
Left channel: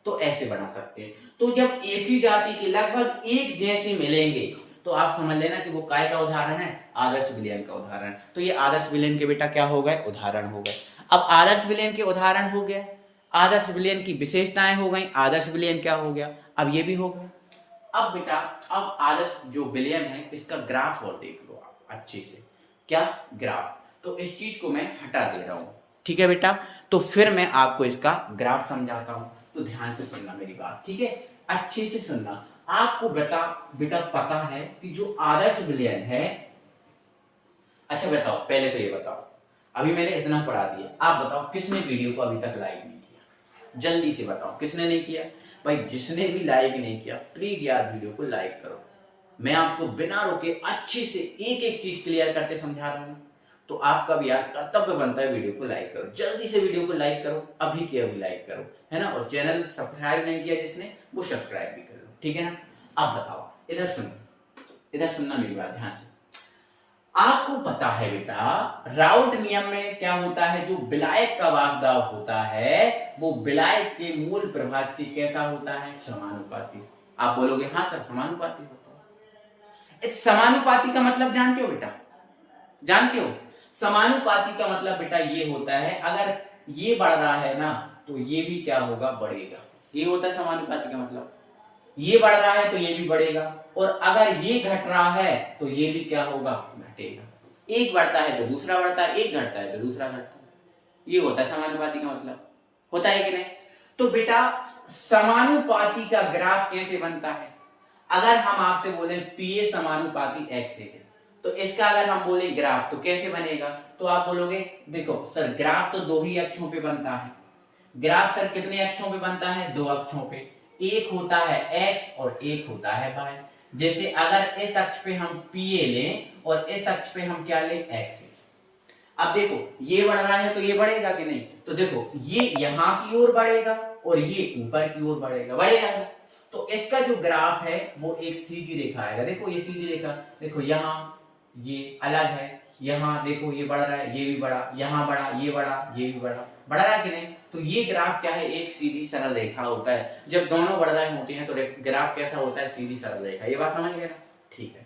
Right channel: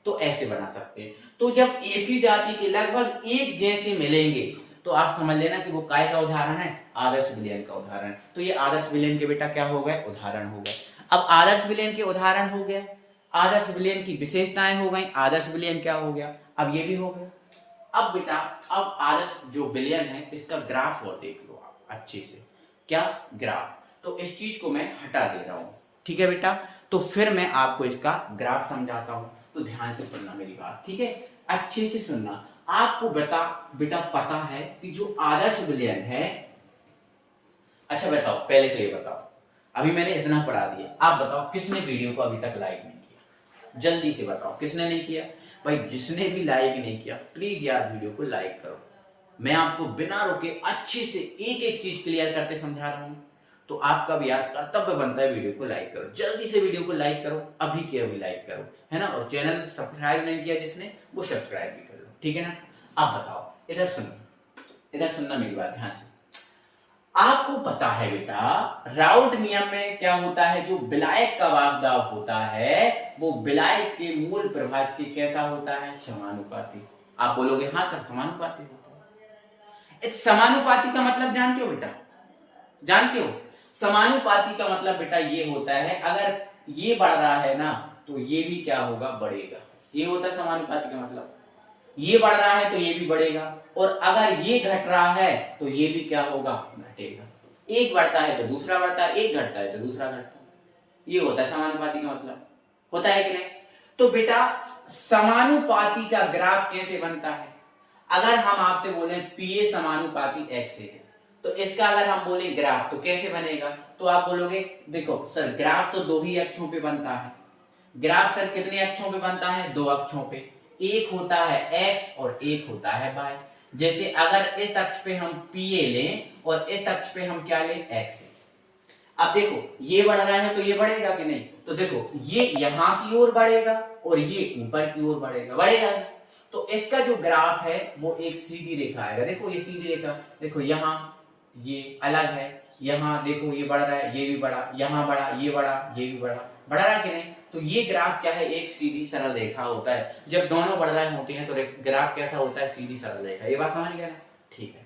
तो ऐसे बना सकते हैं। तो जब एक ही जाति के लगभग एक जैसे मिलेंगे तो आप समझ लेना कि वो काय का उदाहरण है, आदर्श विलयन का उदाहरण। तो ये आदर्श विलयन के बेटा क्या हो गए, उदाहरण हो गए। अब आदर्श विलयन के उदाहरण हो गया, आदर्श विलयन की विशेषताएं हो गई, आदर्श विलयन क्या हो गया, अब ये भी हो गया। अब बेटा अब आदर्श जो विलयन है इसका ग्राफ और देख लो आप अच्छे से, क्या ग्राफ। तो इस चीज को मैं हटा दे रहा हूं, ठीक है बेटा। तो फिर मैं आपको इसका ग्राफ समझाता हूं, तो ध्यान से सुनना मेरी बात, ठीक है, अच्छे से सुनना। आपको बेटा पता है कि जो आदर्श विलयन है, अच्छा बताओ पहले तो ये बताओ, अभी मैंने इतना पढ़ा दिया, आप बताओ किसने वीडियो को अभी तक लाइक नहीं किया, जल्दी से बताओ किसने नहीं किया। भाई जिसने भी लाइक नहीं किया प्लीज यार वीडियो को लाइक करो। मैं आपको बिना रोके अच्छे से एक एक चीज क्लियर करते समझा रहा हूं, तो आपका भी यार कर्तव्य बनता है वीडियो को लाइक करो। जल्दी से वीडियो को लाइक करो, अभी के अभी लाइक करो, है ना। और चैनल सब्सक्राइब नहीं किया जिसने, वो सब्सक्राइब भी कर लो, ठीक है ना। अब बताओ, इधर सुनो, इधर सुनना मेरी बात ध्यान से। आपको पता है बेटा राउल्ट नियम में क्या होता है, जो विलायक का वाष्पदाब होता है वो विलायक के मूल प्रभाज के कैसा होता है, समानुपाती। आप बोलोगे हाँ सर समानुपाती होता है। इस समानुपाती का मतलब जानते हो बेटा, जानते हो समानुपाती का मतलब बेटा ये होता है, अगर ये बढ़ रहा है ना तो ये भी क्या होगा, बढ़ेगा। ये होता है समानुपाती का मतलब, ये बढ़ रहा है तो ये भी बढ़ेगा, और अगर ये घट रहा है तो ये भी क्या होगा, घटेगा। एक बढ़ता है तो दूसरा बढ़ता है, एक घटता है तो दूसरा घटता है। ये होता है समानुपाती का मतलब, होता है कि नहीं। तो बेटा समानुपाती का ग्राफ कैसे बनता है, अगर हम आपसे बोले पीए समानुपाती एक्स है, तो इसका अगर हम बोले ग्राफ तो कैसे बनेगा, तो आप बोलोगे देखो सर ग्राफ तो दो ही अक्षों पे बनता है। ग्राफ सर कितने अक्षों पे बनता है, दो अक्षों पे, एक होता है x और एक होता है y। जैसे अगर इस अक्ष पे हम पीए लें और इस अक्ष पे हम क्या लें, x। अब देखो ये बढ़ रहा है तो ये बढ़ेगा कि नहीं, तो देखो ये यहां की ओर बढ़ेगा और ये ऊपर की ओर बढ़ेगा, बढ़ेगा। तो इसका जो ग्राफ है वो एक सीधी रेखा आएगा। देखो ये सीधी रेखा, देखो यहाँ ये अलग है, यहाँ देखो ये बढ़ रहा है, ये भी बढ़ा, यहाँ बढ़ा, ये बढ़ा, ये भी बढ़ा, बढ़ रहा है कि नहीं। तो ये ग्राफ क्या है, एक सीधी सरल रेखा होता है। जब दोनों बढ़ रहे होते हैं तो ग्राफ कैसा होता है, सीधी सरल रेखा। ये बात समझ गए ना, ठीक है।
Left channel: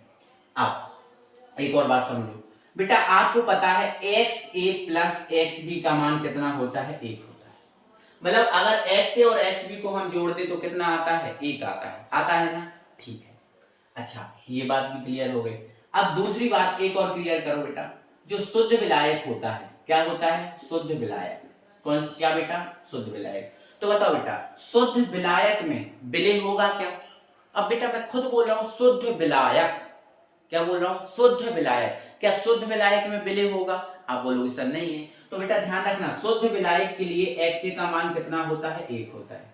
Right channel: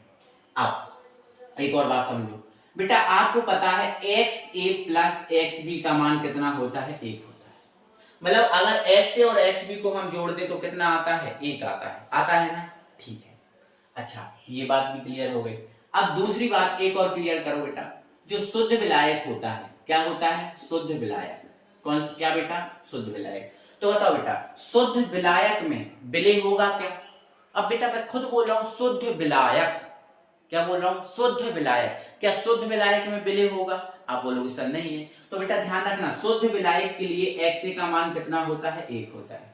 अब एक और बात समझो बेटा, आपको पता है XA प्लस XB का मान कितना होता है, 1 होता है। मतलब अगर XA और XB को हम जोड़ दे तो कितना आता है, 1 आता है ना, ठीक है। अच्छा ये बात भी क्लियर हो गई। अब दूसरी बात एक और क्लियर करो बेटा, जो शुद्ध विलायक होता है, क्या होता है, शुद्ध विलायक। कौन क्या बेटा, शुद्ध विलायक। तो बताओ बेटा शुद्ध विलायक में विलय होगा क्या। अब बेटा मैं खुद बोल रहा हूं शुद्ध विलायक, क्या बोल रहा हूं, शुद्ध विलायक। क्या शुद्ध विलायक में विलय होगा, आप बोलोगे सर नहीं है। तो बेटा ध्यान रखना शुद्ध विलायक के लिए XA का मान कितना होता है, 1 होता है।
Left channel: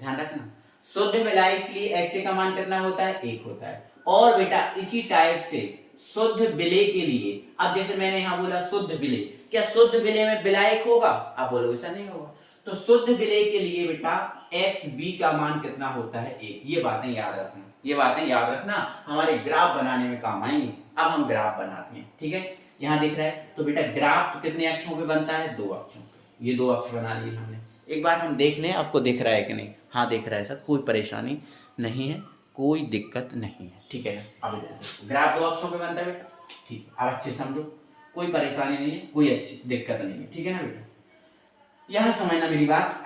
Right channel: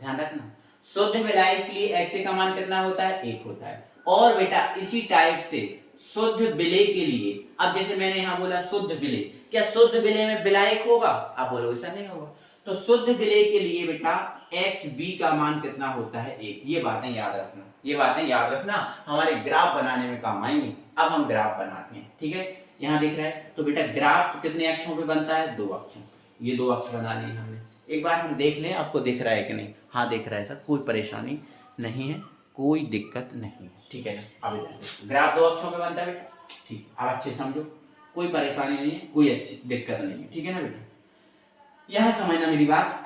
ध्यान रखना शुद्ध विलायक के लिए XA का मान कितना होता है, 1 होता है। और बेटा इसी टाइप से शुद्ध विलय के लिए, अब जैसे मैंने यहां बोला शुद्ध विलय, क्या शुद्ध विलय में विलायक होगा, आप बोलोगे ऐसा नहीं होगा। तो शुद्ध विलय के लिए बेटा XB का मान कितना होता है, 1। ये बातें याद रखना, ये बातें याद रखना, हमारे ग्राफ बनाने में काम आएंगी। अब हम ग्राफ बनाते हैं, ठीक है। यहां दिख रहा है, तो बेटा ग्राफ कितने अक्षों पे बनता है, 2 अक्षों पे। ये 2 अक्ष बना लिए हमने। एक बार हम देख लें आपको दिख रहा है कि नहीं, हाँ दिख रहा है सर, कोई परेशानी नहीं है, कोई दिक्कत नहीं है, ठीक है। अब ग्राफ 2 अक्षों पे बनता है बेटा, ठीक है। अब अच्छे समझो, कोई परेशानी नहीं है, कोई अच्छी दिक्कत नहीं है, ठीक है ना बेटा। यहां समझना मेरी बात,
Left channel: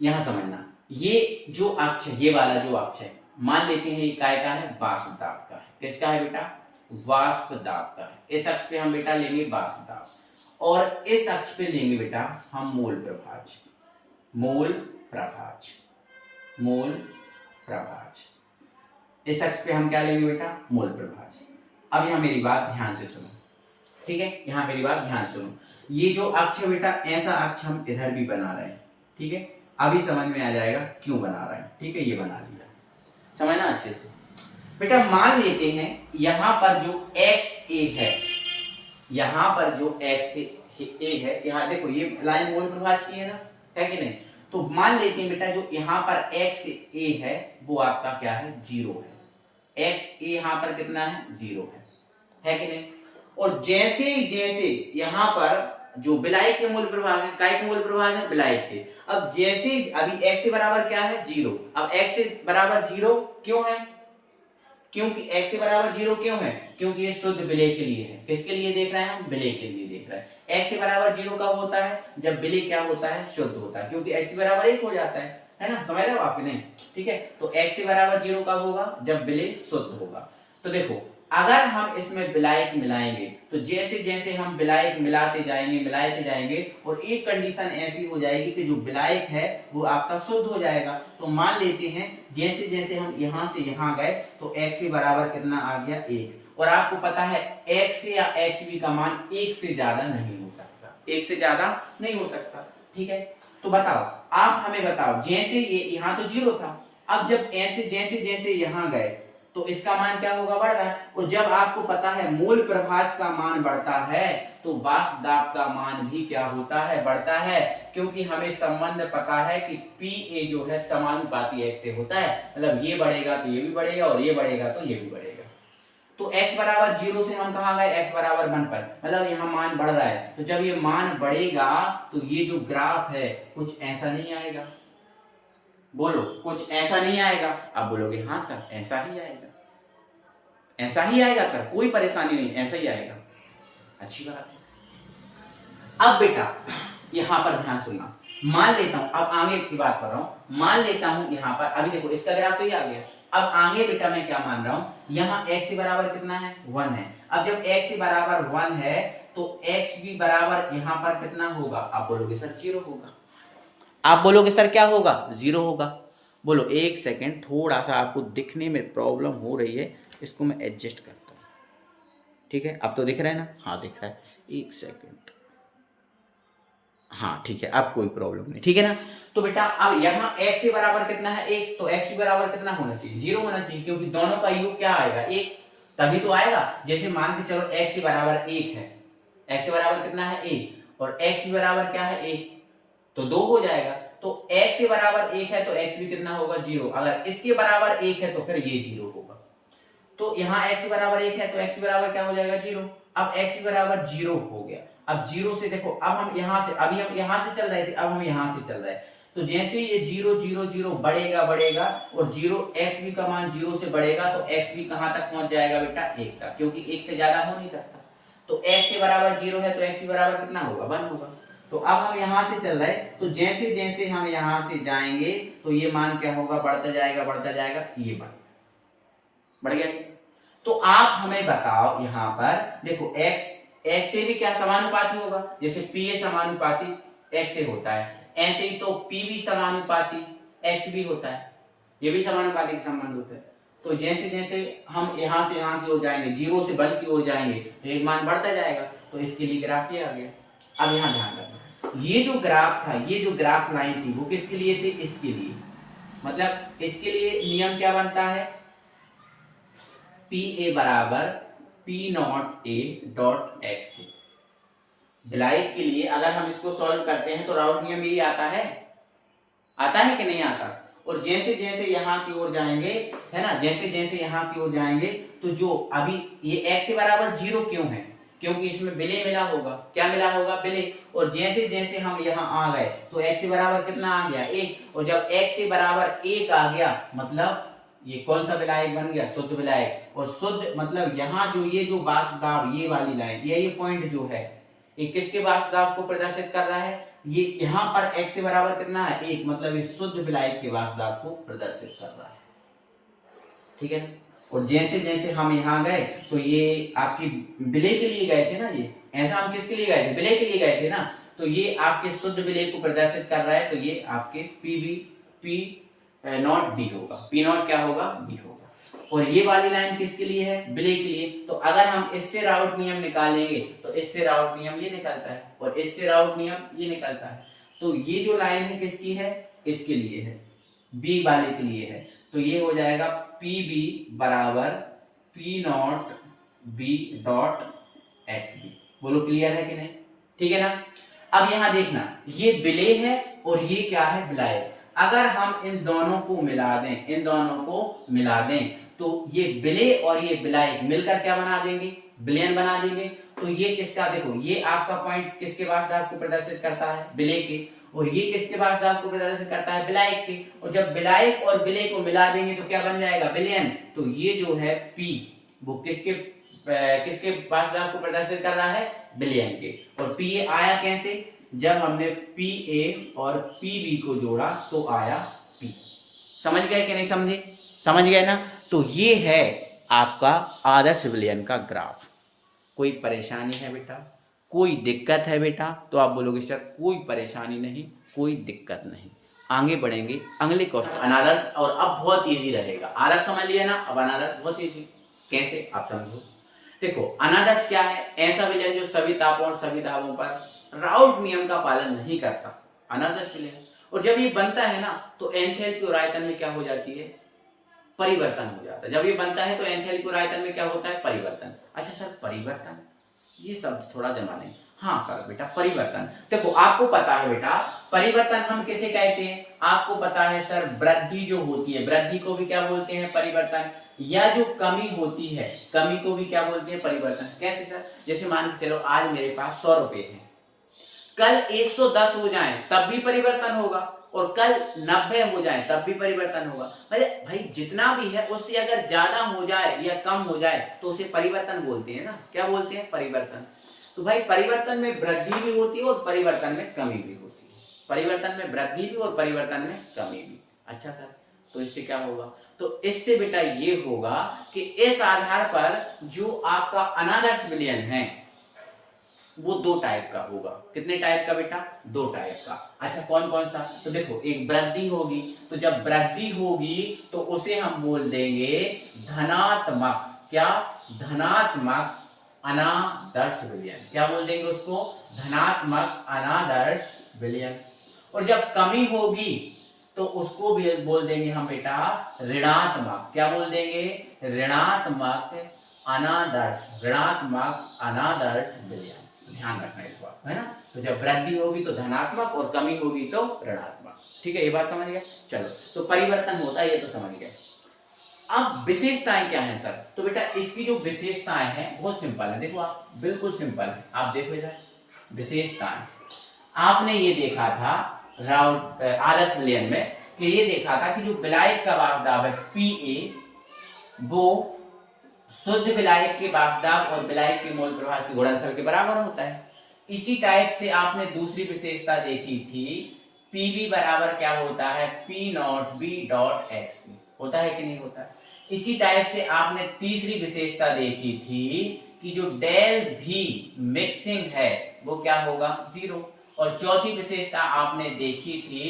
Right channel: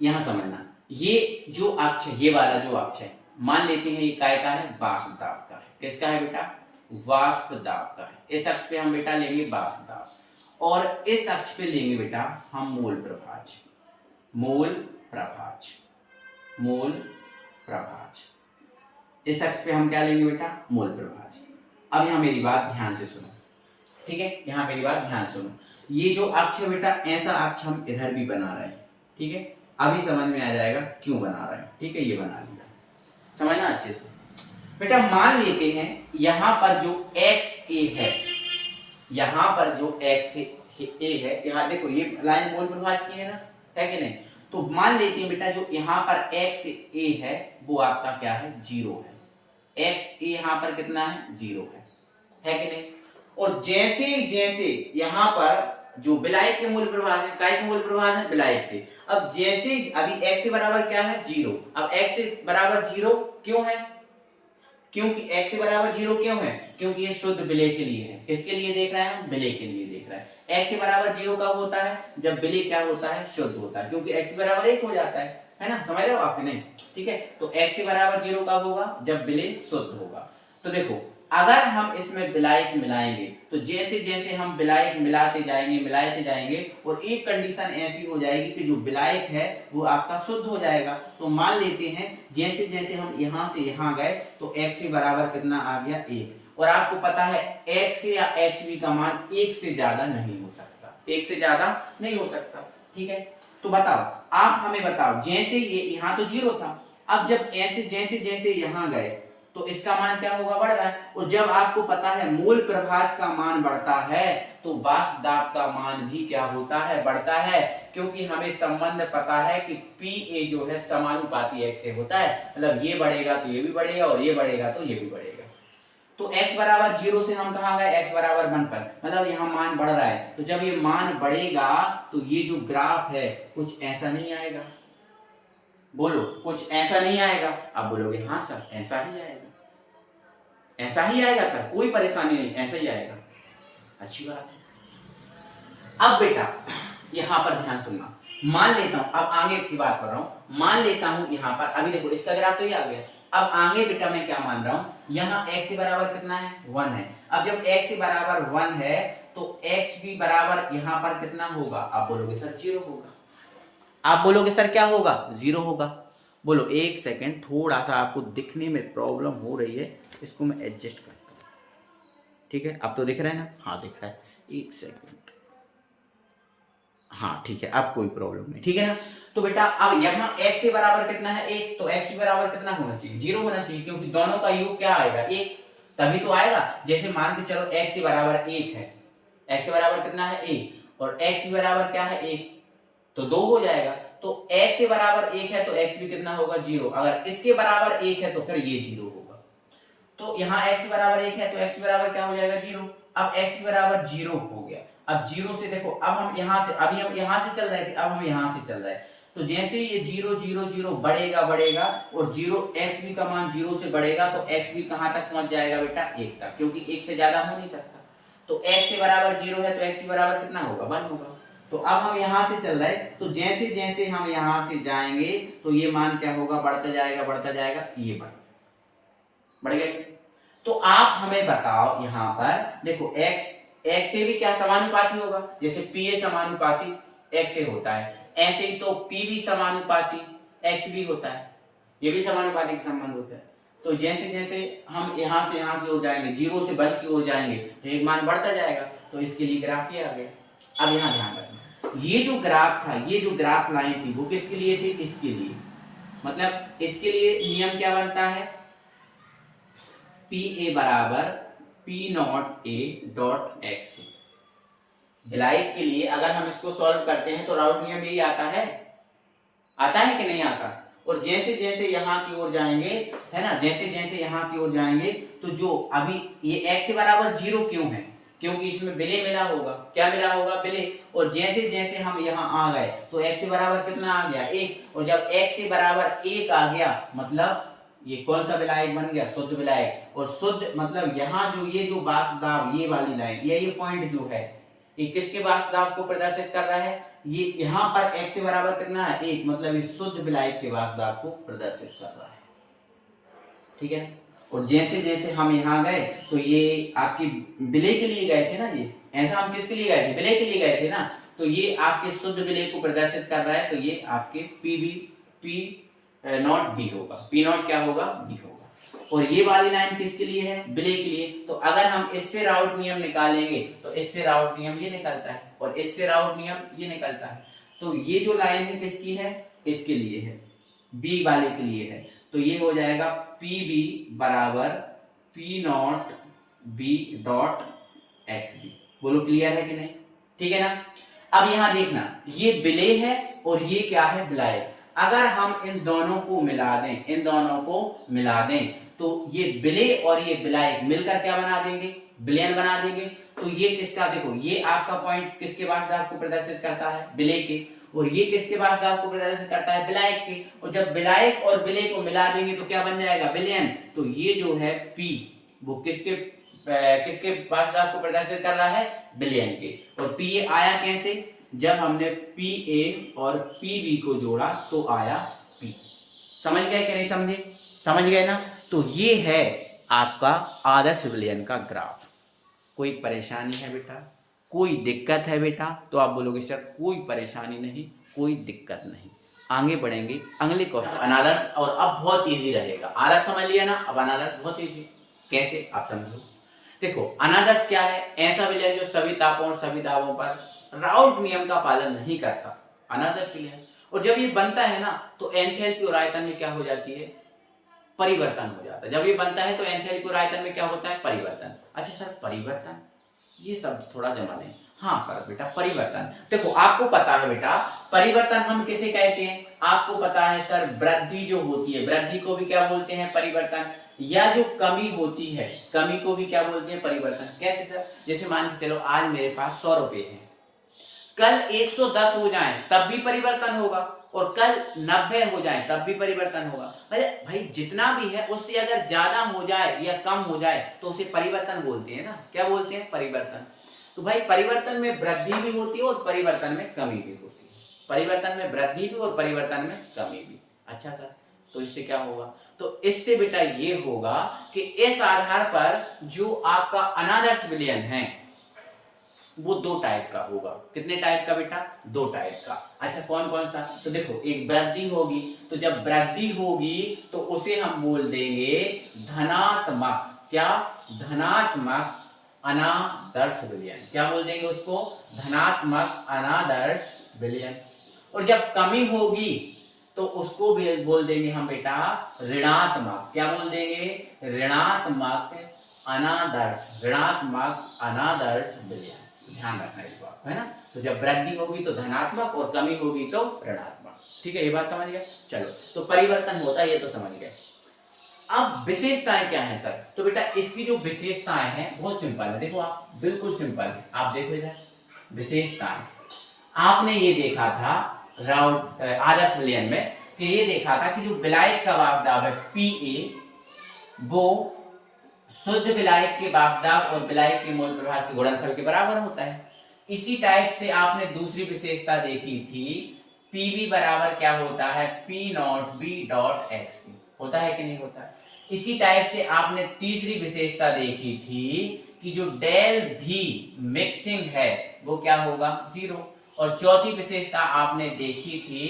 यहां समझना, ये जो अक्ष है, ये वाला जो अक्ष है, मान लेते हैं ये काय का है, वाष्प दाब का है। किसका है बेटा, वाष्प दाब का है। इस अक्ष पे हम बेटा लेंगे वाष्प दाब, और इस अक्ष पे लेंगे बेटा हम मोल प्रभाज, मोल प्रभाज, मोल प्रभाज। इस अक्ष पे हम क्या लेंगे बेटा, मोल प्रभाज। अब यहां मेरी बात ध्यान से सुनो, ठीक है, यहां मेरी बात ध्यान सुनो। ये जो अक्ष है बेटा, ऐसा अक्ष हम इधर भी बना रहे हैं, ठीक है। अभी समझ में आ जाएगा क्यों बना रहे हैं, ठीक है। ये बना लिया, समझना अच्छे से बेटा। मान लेते हैं यहां पर जो XA है, यहां पर जो XA है, यहां देखो ये लाइन मोल प्रभाज की है ना, है कि नहीं। तो मान लेते हैं बेटा जो यहाँ पर एक्स ए है वो आपका क्या है, 0 है। एक्स ए यहाँ पर कितना है, 0 है कि नहीं। और जैसे जैसे यहाँ पर जो विलायक के मूल प्रभाव है, काय के मूल प्रभाव है, विलायक के। अब जैसे अभी x से बराबर क्या है, 0। अब x से बराबर 0 क्यों है, क्योंकि x से बराबर 0 क्यों है, क्योंकि ये शुद्ध विलय के लिए है। किसके लिए देख रहे हैं हम, विलय के लिए देख रहे हैं। x से बराबर 0 कब होता है, जब विलय क्या होता है, शुद्ध होता है, क्योंकि x बराबर 1 हो जाता है ना, समझ रहे हो आप नहीं, ठीक है। तो x से बराबर 0 कब होगा, जब विलय शुद्ध होगा। तो देखो अगर हम इसमें विलायक मिलाएंगे तो जैसे जैसे हम विलायक मिलाते जाएंगे और एक कंडीशन ऐसी हो जाएगी कि जो विलायक है वो आपका शुद्ध हो जाएगा। तो मान लेते हैं जैसे जैसे हम यहां से यहां गए तो x से बराबर कितना आ गया, 1। और आपको पता है x या xb का मान 1 से ज्यादा नहीं हो सकता, 1 से ज्यादा नहीं हो सकता, ठीक है। तो बताओ, आप हमें बताओ, जैसे ये यहाँ तो 0 था, अब जब ऐसे जैसे जैसे यहां गए तो इसका मान क्या होगा, बढ़ रहा है। और जब आपको पता है मूल प्रभाज का मान बढ़ता है तो वाष्प दाब का मान भी क्या होता है, बढ़ता है, क्योंकि हमें संबंध पता है कि Pa जो है समानुपाती x से होता है। मतलब ये बढ़ेगा तो ये भी बढ़ेगा और ये बढ़ेगा तो ये भी बढ़ेगा। तो x बराबर 0 से हम कहां गए, x बराबर 1 पर, मतलब यहाँ मान बढ़ रहा है। तो जब ये मान बढ़ेगा तो ये जो ग्राफ है कुछ ऐसा नहीं आएगा, बोलो कुछ ऐसा नहीं आएगा। अब बोलोगे हाँ सर ऐसा ही आएगा, ऐसा ही आएगा सर, कोई परेशानी नहीं, ऐसा ही आएगा, अच्छी बात है। अब बेटा यहां पर ध्यान सुनना, मान लेता हूं, अब आगे की बात कर रहा हूं, मान लेता हूं यहां पर, अभी देखो इसका ग्राफ तो ये आ गया। अब आगे बेटा मैं क्या मान रहा हूं, यहां x से बराबर कितना है, 1 है। अब जब x से बराबर 1 है तो x भी बराबर यहां पर कितना होगा, आप बोलोगे सर 0 होगा, आप बोलोगे सर क्या होगा, 0 होगा। बोलो एक सेकेंड, थोड़ा सा आपको दिखने में प्रॉब्लम हो रही है, इसको मैं एडजस्ट करता हूं, ठीक है। अब तो दिख रहा है ना, हाँ दिख रहा है, एक सेकेंड, हाँ ठीक है, अब कोई प्रॉब्लम नहीं, ठीक है ना। तो बेटा अब यहाँ x से बराबर कितना है, 1, तो x से बराबर कितना होना चाहिए, 0 होना चाहिए, क्योंकि दोनों का योग क्या आएगा, 1, तभी तो आएगा। जैसे मान के चलो x से बराबर 1 है, x से बराबर कितना है, 1, और x से बराबर क्या है, 1, तो 2 हो जाएगा। तो x से बराबर 1 है तो x भी कितना होगा, 0। अगर इसके बराबर 1 है तो फिर ये 0 होगा। तो यहाँ x से बराबर 1 है तो x बराबर क्या हो जाएगा, 0। अब x बराबर 0 हो गया। अब 0 से देखो, अब हम यहाँ से, अभी हम यहाँ से चल रहे थे, अब हम यहाँ से चल रहे हैं। तो जैसे ये 0 0 0 बढ़ेगा और 0 x भी का मान 0 से बढ़ेगा तो x भी कहाँ तक पहुंच जाएगा बेटा, 1 तक, क्योंकि 1 से ज्यादा हो नहीं सकता। तो x से बराबर 0 है तो x भी बराबर कितना होगा, 1 होगा। तो अब हम यहाँ से चल रहे, तो जैसे जैसे हम यहाँ से जाएंगे तो ये मान क्या होगा, बढ़ता जाएगा, ये बढ़ गया। तो आप हमें बताओ, यहाँ पर देखो x से भी क्या समानुपाती होगा, जैसे Pa समानुपाती x से होता है, ऐसे ही तो P भी समानुपाती x भी होता है, ये भी समानुपाती संबंध होता है। तो जैसे जैसे हम यहाँ से यहाँ की ओर जाएंगे, 0 से 1 की ओर जाएंगे तो एक मान बढ़ता जाएगा, तो इसके लिए ग्राफ ये आ गया। अब यहाँ ध्यान रखना, ये जो ग्राफ था, ये जो ग्राफ लाइन थी वो किसके लिए थी, इसके लिए, मतलब इसके लिए नियम क्या बनता है, Pa बराबर P0A.x। विलायक के लिए अगर हम इसको सॉल्व करते हैं तो राउट नियम यही आता है कि नहीं आता। और जैसे जैसे यहाँ की ओर जाएंगे, है ना, जैसे जैसे यहाँ की ओर जाएंगे तो जो अभी ये x से बराबर 0 क्यों है, क्योंकि इसमें विलय मिला होगा, क्या मिला होगा, विलय। और जैसे जैसे हम यहाँ आ गए तो x से बराबर कितना आ गया, 1, और जब x से बराबर 1 आ गया मतलब ये कौन सा विलायक बन गया, शुद्ध विलायक। और शुद्ध मतलब यहाँ जो ये जो वाष्प दाब, ये वाली लाइन, ये पॉइंट जो है, ये किसके वाष्प दाब को प्रदर्शित कर रहा है, ये यहाँ पर x से बराबर कितना है, 1, मतलब ये शुद्ध विलायक के वाष्प दाब को प्रदर्शित कर रहा है, ठीक है। और जैसे जैसे हम यहाँ गए तो ये आपकी विलय के लिए गए थे ना, ये ऐसा हम किसके लिए गए थे, विलय के लिए गए थे ना, तो ये आपके शुद्ध विलय को प्रदर्शित कर रहा है, तो ये आपके P0 होगा, P0 क्या होगा, B होगा। और ये वाली लाइन किसके लिए है, विलय के लिए। तो अगर हम इससे राउट नियम निकालेंगे तो इससे राउट नियम ये निकलता है और इससे राउट नियम ये निकलता है। तो ये जो लाइन है किसकी है, इसके लिए है, बी वाले के लिए है। तो ये हो जाएगा PB बराबर P0 B.xb। बोलो क्लियर है कि नहीं, ठीक है ना। अब यहां देखना, ये विलेय है और ये क्या है, विलायक। अगर हम इन दोनों को मिला दें, इन दोनों को मिला दें, तो ये विलेय और ये विलायक मिलकर क्या बना देंगे, विलयन बना देंगे। तो ये किसका, देखो ये आपका पॉइंट किसके वार्षदाव को प्रदर्शित करता है, विलेय के, और ये किसके वार्षदाव को प्रदर्शित करता है, विलायक के। और जब विलायक और विलेय को मिला देंगे तो क्या बन जाएगा, विलयन। तो ये जो है P वो किसके किसके वार्षदाव को प्रदर्शित कर रहा है, विलयन के। और P आया कैसे, जब हमने PA और PB को जोड़ा तो आया P। समझ गए कि नहीं समझे, समझ गए ना। तो ये है आपका आदर्श विलयन का ग्राफ। कोई परेशानी है बेटा, कोई दिक्कत है बेटा, तो आप बोलोगे सर कोई परेशानी नहीं, कोई दिक्कत नहीं। आगे बढ़ेंगे अगले क्वेश्चन, अनादर्श। और अब बहुत इजी रहेगा, आदर्श समझ लिया ना, अब अनादर्श बहुत इजी। कैसे आप समझो, देखो अनादर्श क्या है, ऐसा विलयन जो सभी तापों और सभी दाबों पर राउल्ट नियम का पालन नहीं करता, अनादर्श विलयन। और जब ये बनता है ना तो एंथैल्पी और आयतन में क्या हो जाती है, परिवर्तन हो जाता है। जब ये बनता है तो एंथैल्पी और आयतन में क्या होता है, परिवर्तन। अच्छा सर परिवर्तन, ये शब्द थोड़ा जमा नहीं। हाँ सर बेटा परिवर्तन, देखो आपको पता है बेटा परिवर्तन हम किसे कहते हैं, आपको पता है सर वृद्धि जो होती है, वृद्धि को भी क्या बोलते हैं, परिवर्तन। या जो कमी होती है, कमी को भी क्या बोलते हैं, परिवर्तन। कैसे सर, जैसे मान के चलो आज मेरे पास 100 रुपए है, कल 110 हो जाए तब भी परिवर्तन होगा, और कल 90 हो जाए तब भी परिवर्तन होगा। मतलब भाई जितना भी है उससे अगर ज्यादा हो जाए या कम हो जाए तो उसे परिवर्तन बोलते हैं ना, क्या बोलते हैं, परिवर्तन। तो भाई परिवर्तन में वृद्धि भी होती है और परिवर्तन में कमी भी होती है, परिवर्तन में वृद्धि भी और परिवर्तन में कमी भी। अच्छा सर, तो इससे क्या होगा, तो इससे बेटा ये होगा कि इस आधार पर जो आपका अनादर्श विलयन है वो 2 टाइप का होगा। कितने टाइप का बेटा, 2 टाइप का। अच्छा कौन कौन सा, तो देखो एक वृद्धि होगी, तो जब वृद्धि होगी तो उसे हम बोल देंगे धनात्मक, क्या, धनात्मक अनादर्श विलयन। क्या बोल देंगे उसको, धनात्मक अनादर्श विलयन। और जब कमी होगी तो उसको भी बोल देंगे हम बेटा ऋणात्मक, क्या बोल देंगे, ऋणात्मक अनादर्श, ऋणात्मक अनादर्श विलयन। ध्यान रखना इस बात है ना। तो जब वृद्धि होगी तो धनात्मक और कमी होगी तो ऋणात्मक। ठीक है, ये बात समझ गए। चलो तो परिवर्तन होता है ये तो समझ गए। अब विशेषताएं क्या है सर, तो बेटा इसकी जो विशेषताएं हैं बहुत सिंपल है, देखो आप बिल्कुल सिंपल है। आप देखो इधर विशेषताएं, आपने ये देखा था राउंड आदर्श विलयन में कि ये देखा था कि जो विलायक का वाष्पदाब है Pa वो शुद्ध विलायक के वाष्पदाब और विलायक के मोल प्रभाव के गुणनफल के बराबर होता है। इसी टाइप से आपने दूसरी विशेषता देखी थी, Pb बराबर क्या होता है, P not B dot x, होता है कि नहीं होता है। इसी टाइप से आपने तीसरी विशेषता देखी थी कि जो डेल V मिक्सिंग है वो क्या होगा, 0। और चौथी विशेषता आपने देखी थी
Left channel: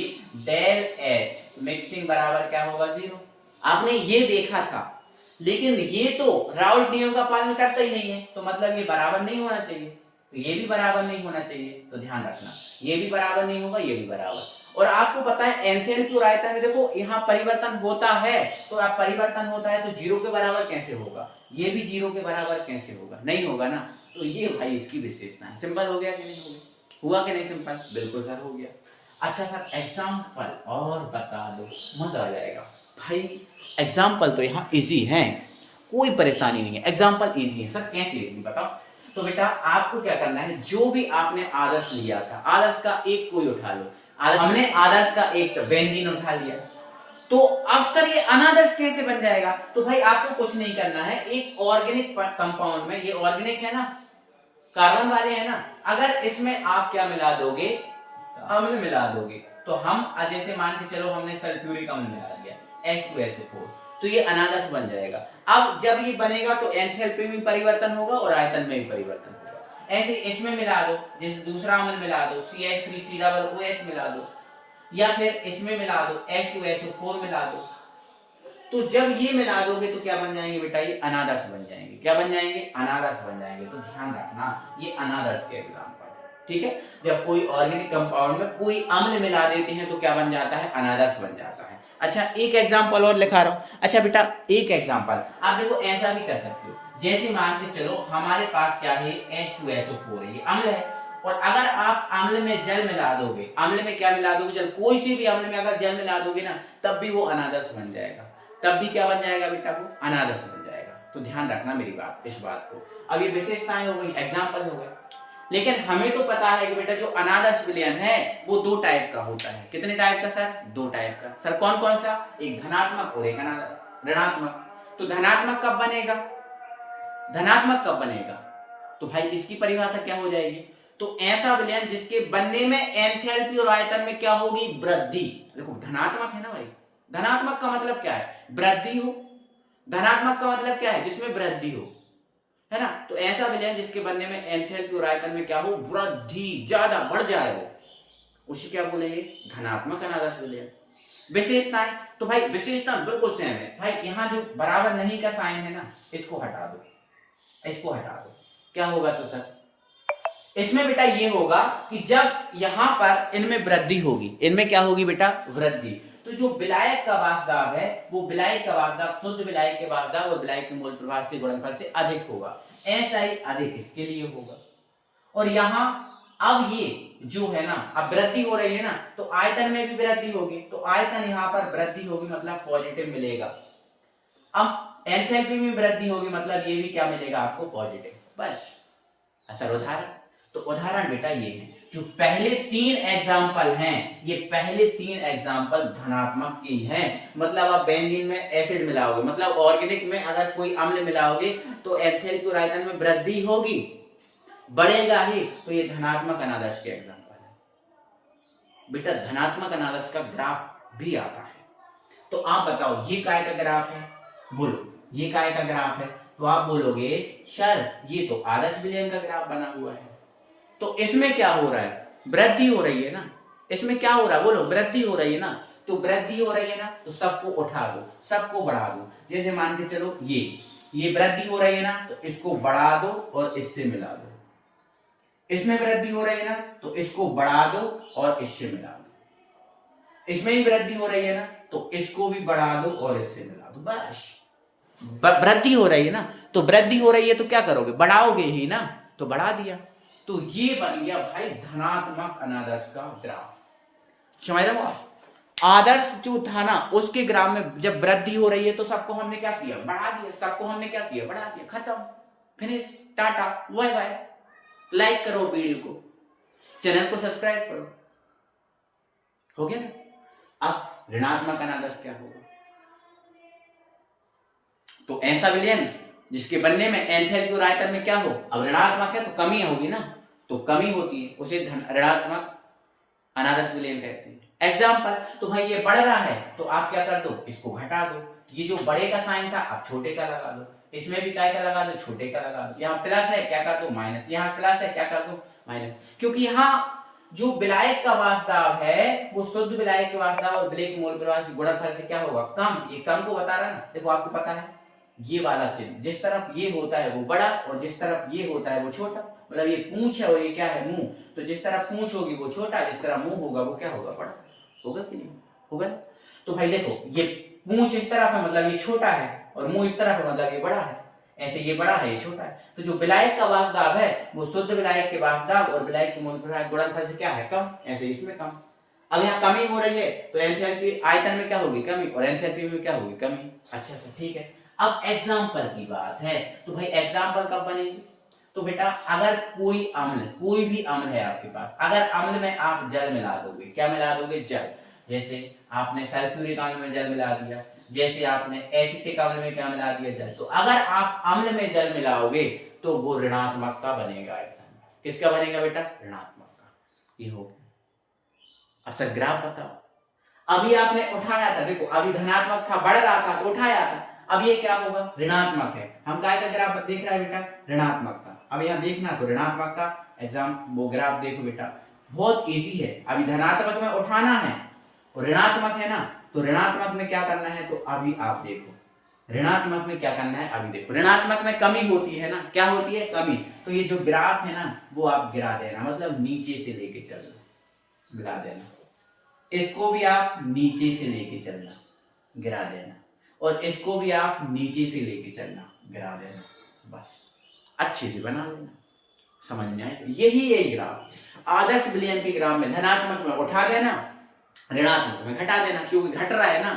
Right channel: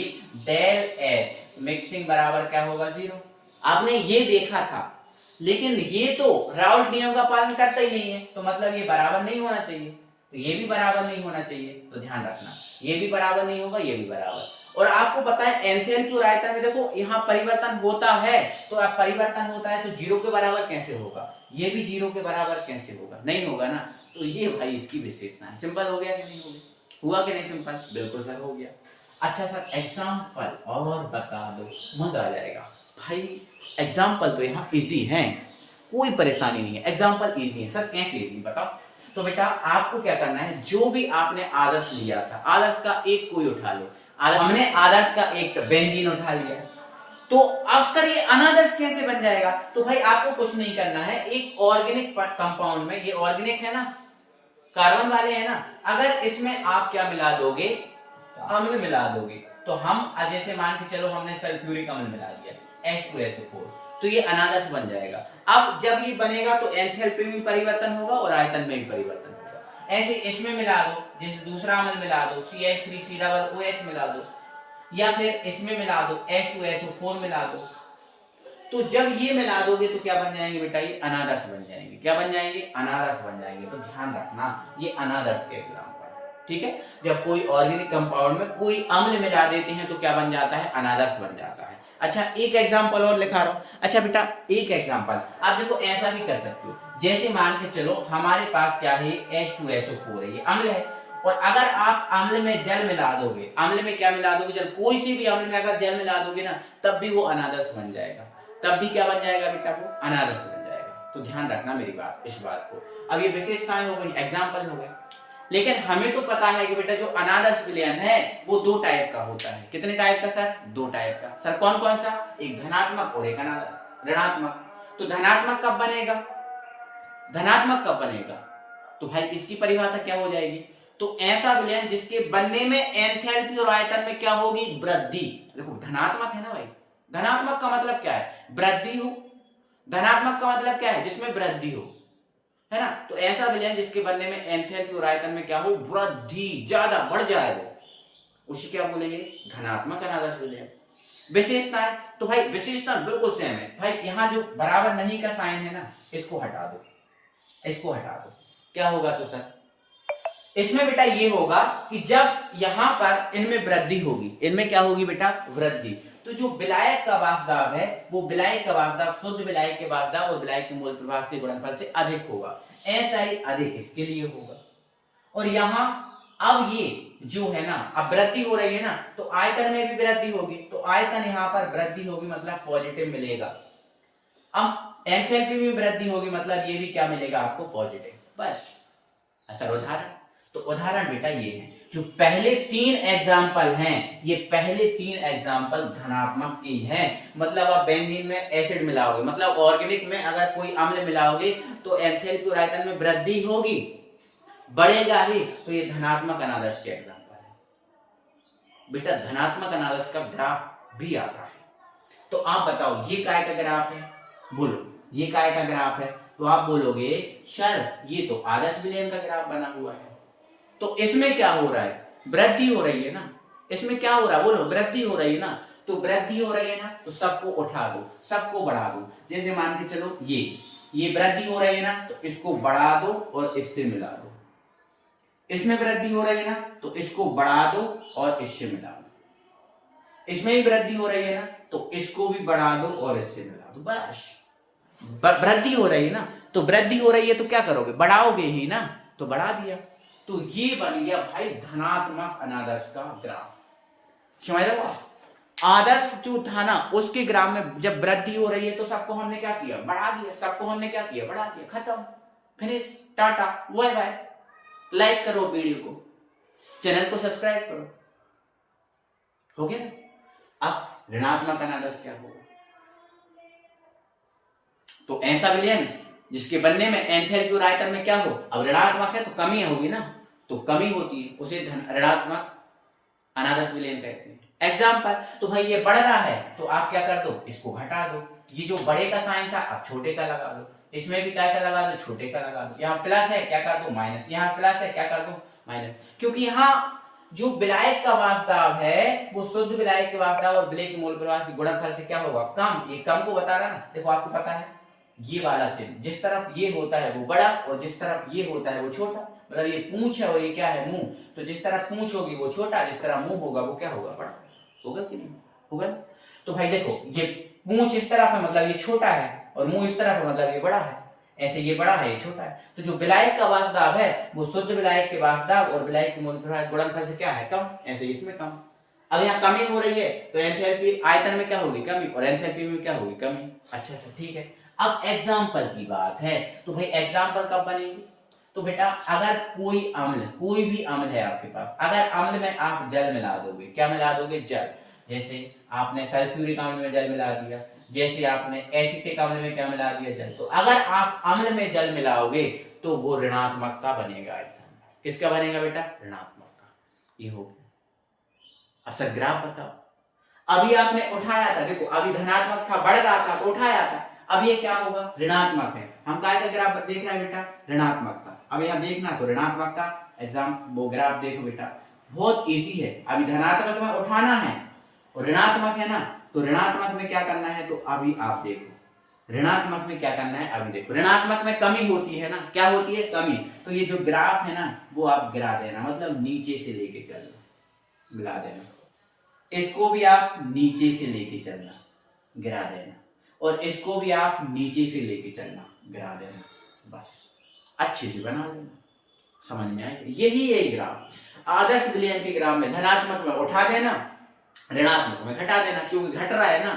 डेल H मिक्सिंग बराबर क्या होगा, 0। आपने ये देखा था, लेकिन ये तो राउल्ट नियम का पालन करता ही नहीं है, तो मतलब ये बराबर नहीं होना चाहिए, तो ये भी बराबर नहीं होना चाहिए। तो ध्यान रखना, ये भी बराबर नहीं होगा, ये भी बराबर। और आपको पता है एंथैल्पी और आयतन में देखो यहाँ परिवर्तन होता है, तो अब परिवर्तन होता है तो 0 के बराबर कैसे होगा, ये भी 0 के बराबर कैसे होगा, नहीं होगा ना। तो ये भाई इसकी विशेषता है। सिंपल हो गया कि नहीं हो गया, हुआ कि नहीं सिंपल, बिल्कुल सर हो गया। अच्छा सर एग्जाम्पल और बता दो, मजा आ जाएगा भाई। एग्जाम्पल तो यहाँ इजी है, कोई परेशानी नहीं है, एग्जाम्पल इजी है। सर कैसे इजी बताओ, तो बेटा आपको क्या करना है, जो भी आपने आदर्श लिया था, आदर्श का एक कोई उठा लो। हमने आदर्श का एक बेंजीन उठा लिया, तो अब सर ये अनादर्श कैसे बन जाएगा, तो भाई आपको कुछ नहीं करना है, एक ऑर्गेनिक कंपाउंड में, ये ऑर्गेनिक है ना, कार्बन वाले है ना, अगर इसमें आप क्या मिला दोगे, अम्ल मिला दोगे, तो हम जैसे मान के चलो हमने सल्फ्यूरिक अम्ल मिला दिया H2SO4, तो ये अनादर्श बन जाएगा। अब जब ये बनेगा तो एंथैल्पी में परिवर्तन होगा और आयतन में भी परिवर्तन होगा। ऐसे इसमें मिला दो, जैसे दूसरा अम्ल मिला दो CH3COOH मिला दो, या फिर इसमें मिला दो H2SO4 मिला दो, तो जब ये मिला दोगे तो क्या बन जाएंगे बेटा, ये अनादर्श बन जाएंगे। क्या बन जाएंगे, अनादर्श बन जाएंगे। तो ध्यान रखना ये अनादर्श के एग्जाम्पल, ठीक है। जब कोई ऑर्गेनिक कंपाउंड में कोई अम्ल मिला देते हैं तो क्या बन जाता है, अनादर्श बन जाता है। अच्छा एक एग्जाम्पल और लिखा रहा हूं। अच्छा बेटा एक एग्जाम्पल आप देखो ऐसा भी कर सकते हो, जैसे मान के चलो हमारे पास क्या है H2SO4 है, ये अम्ल है, और अगर आप अम्ल में जल मिला दोगे, अम्ल में क्या मिला दोगे, जल, कोई सी भी अम्ल में अगर जल मिला दोगे ना, तब भी वो अनादर्श बन जाएगा। तब भी क्या बन जाएगा बेटा, वो अनादर्श बन जाएगा। तो ध्यान रखना मेरी बात, इस बात को। अब ये विशेषताएं हो गई, एग्जाम्पल हो गए, लेकिन हमें तो पता है कि बेटा जो अनादर्श विलयन है वो दो टाइप का होता है। कितने टाइप का सर, दो टाइप का। सर कौन कौन सा, एक धनात्मक और एक ऋणात्मक। तो धनात्मक कब बनेगा, धनात्मक कब बनेगा, तो भाई इसकी परिभाषा क्या हो जाएगी, तो ऐसा विलयन जिसके बनने में एंथैल्पी और आयतन में क्या होगी, वृद्धि। देखो धनात्मक है ना भाई, धनात्मक का मतलब क्या है, वृद्धि हो। धनात्मक का मतलब क्या है, जिसमें वृद्धि हो, है ना। तो ऐसा विलयन जिसके बनने में एंथैल्पी और आयतन में क्या हो, वृद्धि, ज्यादा बढ़ जाए वो, उसे क्या बोलेंगे, धनात्मक अनादर्श विलयन। विशेषताएं, तो भाई विशेषता बिल्कुल सेम है भाई। यहाँ जो बराबर नहीं का साइन है ना, इसको हटा दो, इसको हटा दो, क्या होगा तो सर, इसमें बेटा ये होगा कि जब यहां पर इनमें वृद्धि होगी, इनमें क्या होगी बेटा, वृद्धि। तो जो विलायक का वाष्पदाब है, वो विलायक का वाष्पदाब शुद्ध विलायक के वाष्पदाब और विलायक के मूल प्रभाव के गुणनफल से अधिक होगा। ऐसा ही अधिक इसके लिए होगा। और यहां अब ये जो है ना, अब वृद्धि हो रही है ना, तो आयतन में भी वृद्धि होगी, तो आयतन यहां पर वृद्धि होगी मतलब पॉजिटिव मिलेगा। अब एंथैल्पी में वृद्धि होगी मतलब ये भी क्या मिलेगा आपको, पॉजिटिव। बस असर उदाहरण, तो उदाहरण बेटा ये है, जो पहले तीन एग्जाम्पल हैं, ये पहले तीन एग्जाम्पल धनात्मक की हैं। मतलब आप बेंजीन में एसिड मिलाओगे, मतलब ऑर्गेनिक में अगर कोई अम्ल मिलाओगे तो एंथैल्पी और आयतन में वृद्धि होगी, बढ़ेगा ही, तो ये धनात्मक अनादर्श के एग्जाम्पल है बेटा। धनात्मक अनादर्श का ग्राफ भी आता है। तो आप बताओ ये काय का ग्राफ है, बोलो ये काय का ग्राफ है, तो आप बोलोगे सर ये तो आदर्श विलयन का ग्राफ बना हुआ है। तो इसमें क्या हो रहा है, वृद्धि हो रही है ना, इसमें क्या हो रहा है, बोलो वृद्धि हो रही है ना। तो वृद्धि हो रही है ना, तो सबको उठा दो, सबको बढ़ा दो। जैसे मान के चलो ये वृद्धि हो रही है ना, तो इसको बढ़ा दो और इससे मिला दो। इसमें वृद्धि हो रही है ना, तो इसको बढ़ा दो और इससे मिला दो। इसमें भी वृद्धि हो रही है ना, तो इसको भी बढ़ा दो और इससे मिला दो। बस वृद्धि हो रही है ना, तो वृद्धि हो रही है तो क्या करोगे, बढ़ाओगे ही ना, तो बढ़ा दिया। तो ये बन गया भाई धनात्मक अनादर्श का ग्राफ। समझ रहे हो, आदर्श जो था ना उसके ग्राफ में जब वृद्धि हो रही है तो सबको हमने क्या किया, बढ़ा दिया। सबको हमने क्या किया, बढ़ा दिया, खत्म, finish, tata, bye bye. Like करो वीडियो को, चैनल को सब्सक्राइब करो, हो गया ना। अब ऋणात्मक अनादर्श क्या होगा, तो ऐसा विलयन जिसके बनने में एंथैल्पी और आयतन में क्या हो, अब ऋणात्मक है तो कमी होगी ना, तो कमी होती है, उसे ऋणात्मक अनादर्श विलयन कहते हैं। एग्जाम्पल, तो भाई ये बढ़ रहा है तो आप क्या कर दो, इसको घटा दो। ये जो बड़े का साइन था अब छोटे का लगा दो, इसमें भी क्या लगा दो, छोटे का लगा दो। यहाँ प्लस है क्या कर दो, माइनस, यहाँ प्लस है क्या कर दो, माइनस। क्योंकि यहाँ जो विलायक का वाष्पदाब है वो शुद्ध विलायक के वाष्पदाब और विलय के मूल प्रभाव के गुणनफल से क्या होगा, कम। ये कम को बता रहा ना, देखो आपको पता है ये वाला चिन्ह, जिस तरफ ये होता है वो बड़ा और जिस तरफ ये होता है वो छोटा। मतलब ये पूंछ है और ये क्या है, मुंह। तो जिस तरफ पूंछ होगी वो छोटा, जिस तरह मुंह होगा वो क्या होगा, बड़ा होगा कि नहीं होगा। तो भाई देखो ये पूंछ इस तरफ है मतलब ये छोटा है, और मुंह इस तरफ है मतलब ये बड़ा है। ऐसे ये बड़ा है ये छोटा है। तो जो विलायक का वाष्पदाब है वो शुद्ध विलायक के वाष्पदाब और विलायक के मूल प्रभाव गुणनफल से क्या है, कम। ऐसे इसमें कम। अब यहाँ कमी हो रही है तो एंथैल्पी आयतन में क्या होगी, कमी, और एंथैल्पी में क्या होगी, कमी। अच्छा ठीक है। अब एग्जाम्पल की बात है, तो भाई एग्जाम्पल कब बनेगी, तो बेटा अगर कोई अम्ल, कोई भी अम्ल है आपके पास, अगर अम्ल में आप जल मिला दोगे, क्या मिला दोगे, जल। जैसे आपने सल्फ्यूरिक अम्ल में जल मिला दिया, जैसे आपने एसिटिक अम्ल में क्या मिला दिया, जल। तो अगर आप अम्ल में जल मिलाओगे तो वो ऋणात्मक का बनेगा एग्जाम्पल। किसका बनेगा बेटा, ऋणात्मक का। ये हो गया। अब सर ग्राफ बताओ, अभी आपने उठाया था, देखो अभी धनात्मक था, बढ़ रहा था तो उठाया था, अब ये क्या होगा, ऋणात्मक है। हम काय का ग्राफ देख रहे हैं बेटा, ऋणात्मक का। अब यहाँ देखना तो ऋणात्मक का एग्जाम वो ग्राफ देखो बेटा, बहुत इजी है। अभी धनात्मक में उठाना है और ऋणात्मक है ना, तो ऋणात्मक में क्या करना है, तो अभी आप देखो ऋणात्मक में क्या करना है, अभी देखो। ऋणात्मक में कमी होती है ना, क्या होती है, कमी। तो ये जो ग्राफ है ना वो आप गिरा देना, मतलब नीचे से लेके चलना, गिरा देना। इसको भी आप नीचे से लेके चलना, गिरा देना, और इसको भी आप नीचे से लेके चलना, गिरा देना। बस अच्छे से बना लेना, समझ में आए? यही है ग्राफ। आदर्श विलयन के ग्राफ में धनात्मक में उठा देना, ऋणात्मक में घटा देना, क्योंकि घट रहा है ना,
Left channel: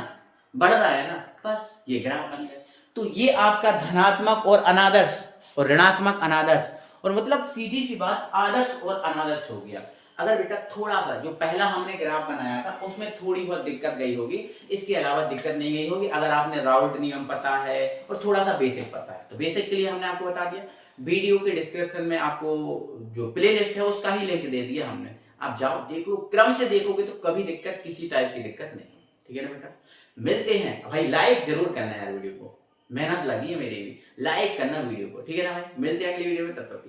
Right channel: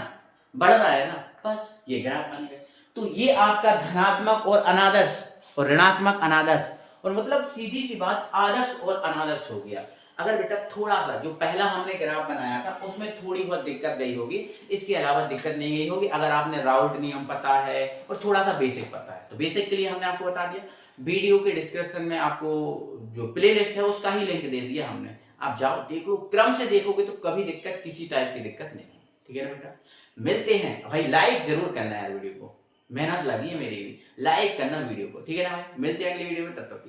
बढ़ रहा है ना, बस ये ग्राफ बन गया। तो ये आपका धनात्मक और अनादर्श और ऋणात्मक अनादर्श, और मतलब सीधी सी बात आदर्श और अनादर्श हो गया। अगर बेटा थोड़ा सा जो पहला हमने ग्राफ बनाया था उसमें थोड़ी बहुत दिक्कत गई होगी, इसके अलावा दिक्कत नहीं गई होगी अगर आपने राउल्ट नियम पता है और थोड़ा सा बेसिक पता है। तो बेसिक के लिए हमने आपको बता दिया, वीडियो के डिस्क्रिप्शन में आपको जो प्लेलिस्ट है उसका ही लिंक दे दिया हमने, आप जाओ देख लो, क्रम से देखोगे तो कभी दिक्कत, किसी टाइप की दिक्कत नहीं। ठीक है ना बेटा, मिलते हैं भाई, लाइक जरूर करना है यार वीडियो को, मेहनत लगी है मेरी भी, लाइक करना वीडियो को, ठीक है ना भाई, मिलते हैं अगली वीडियो में, तब तक के लिए।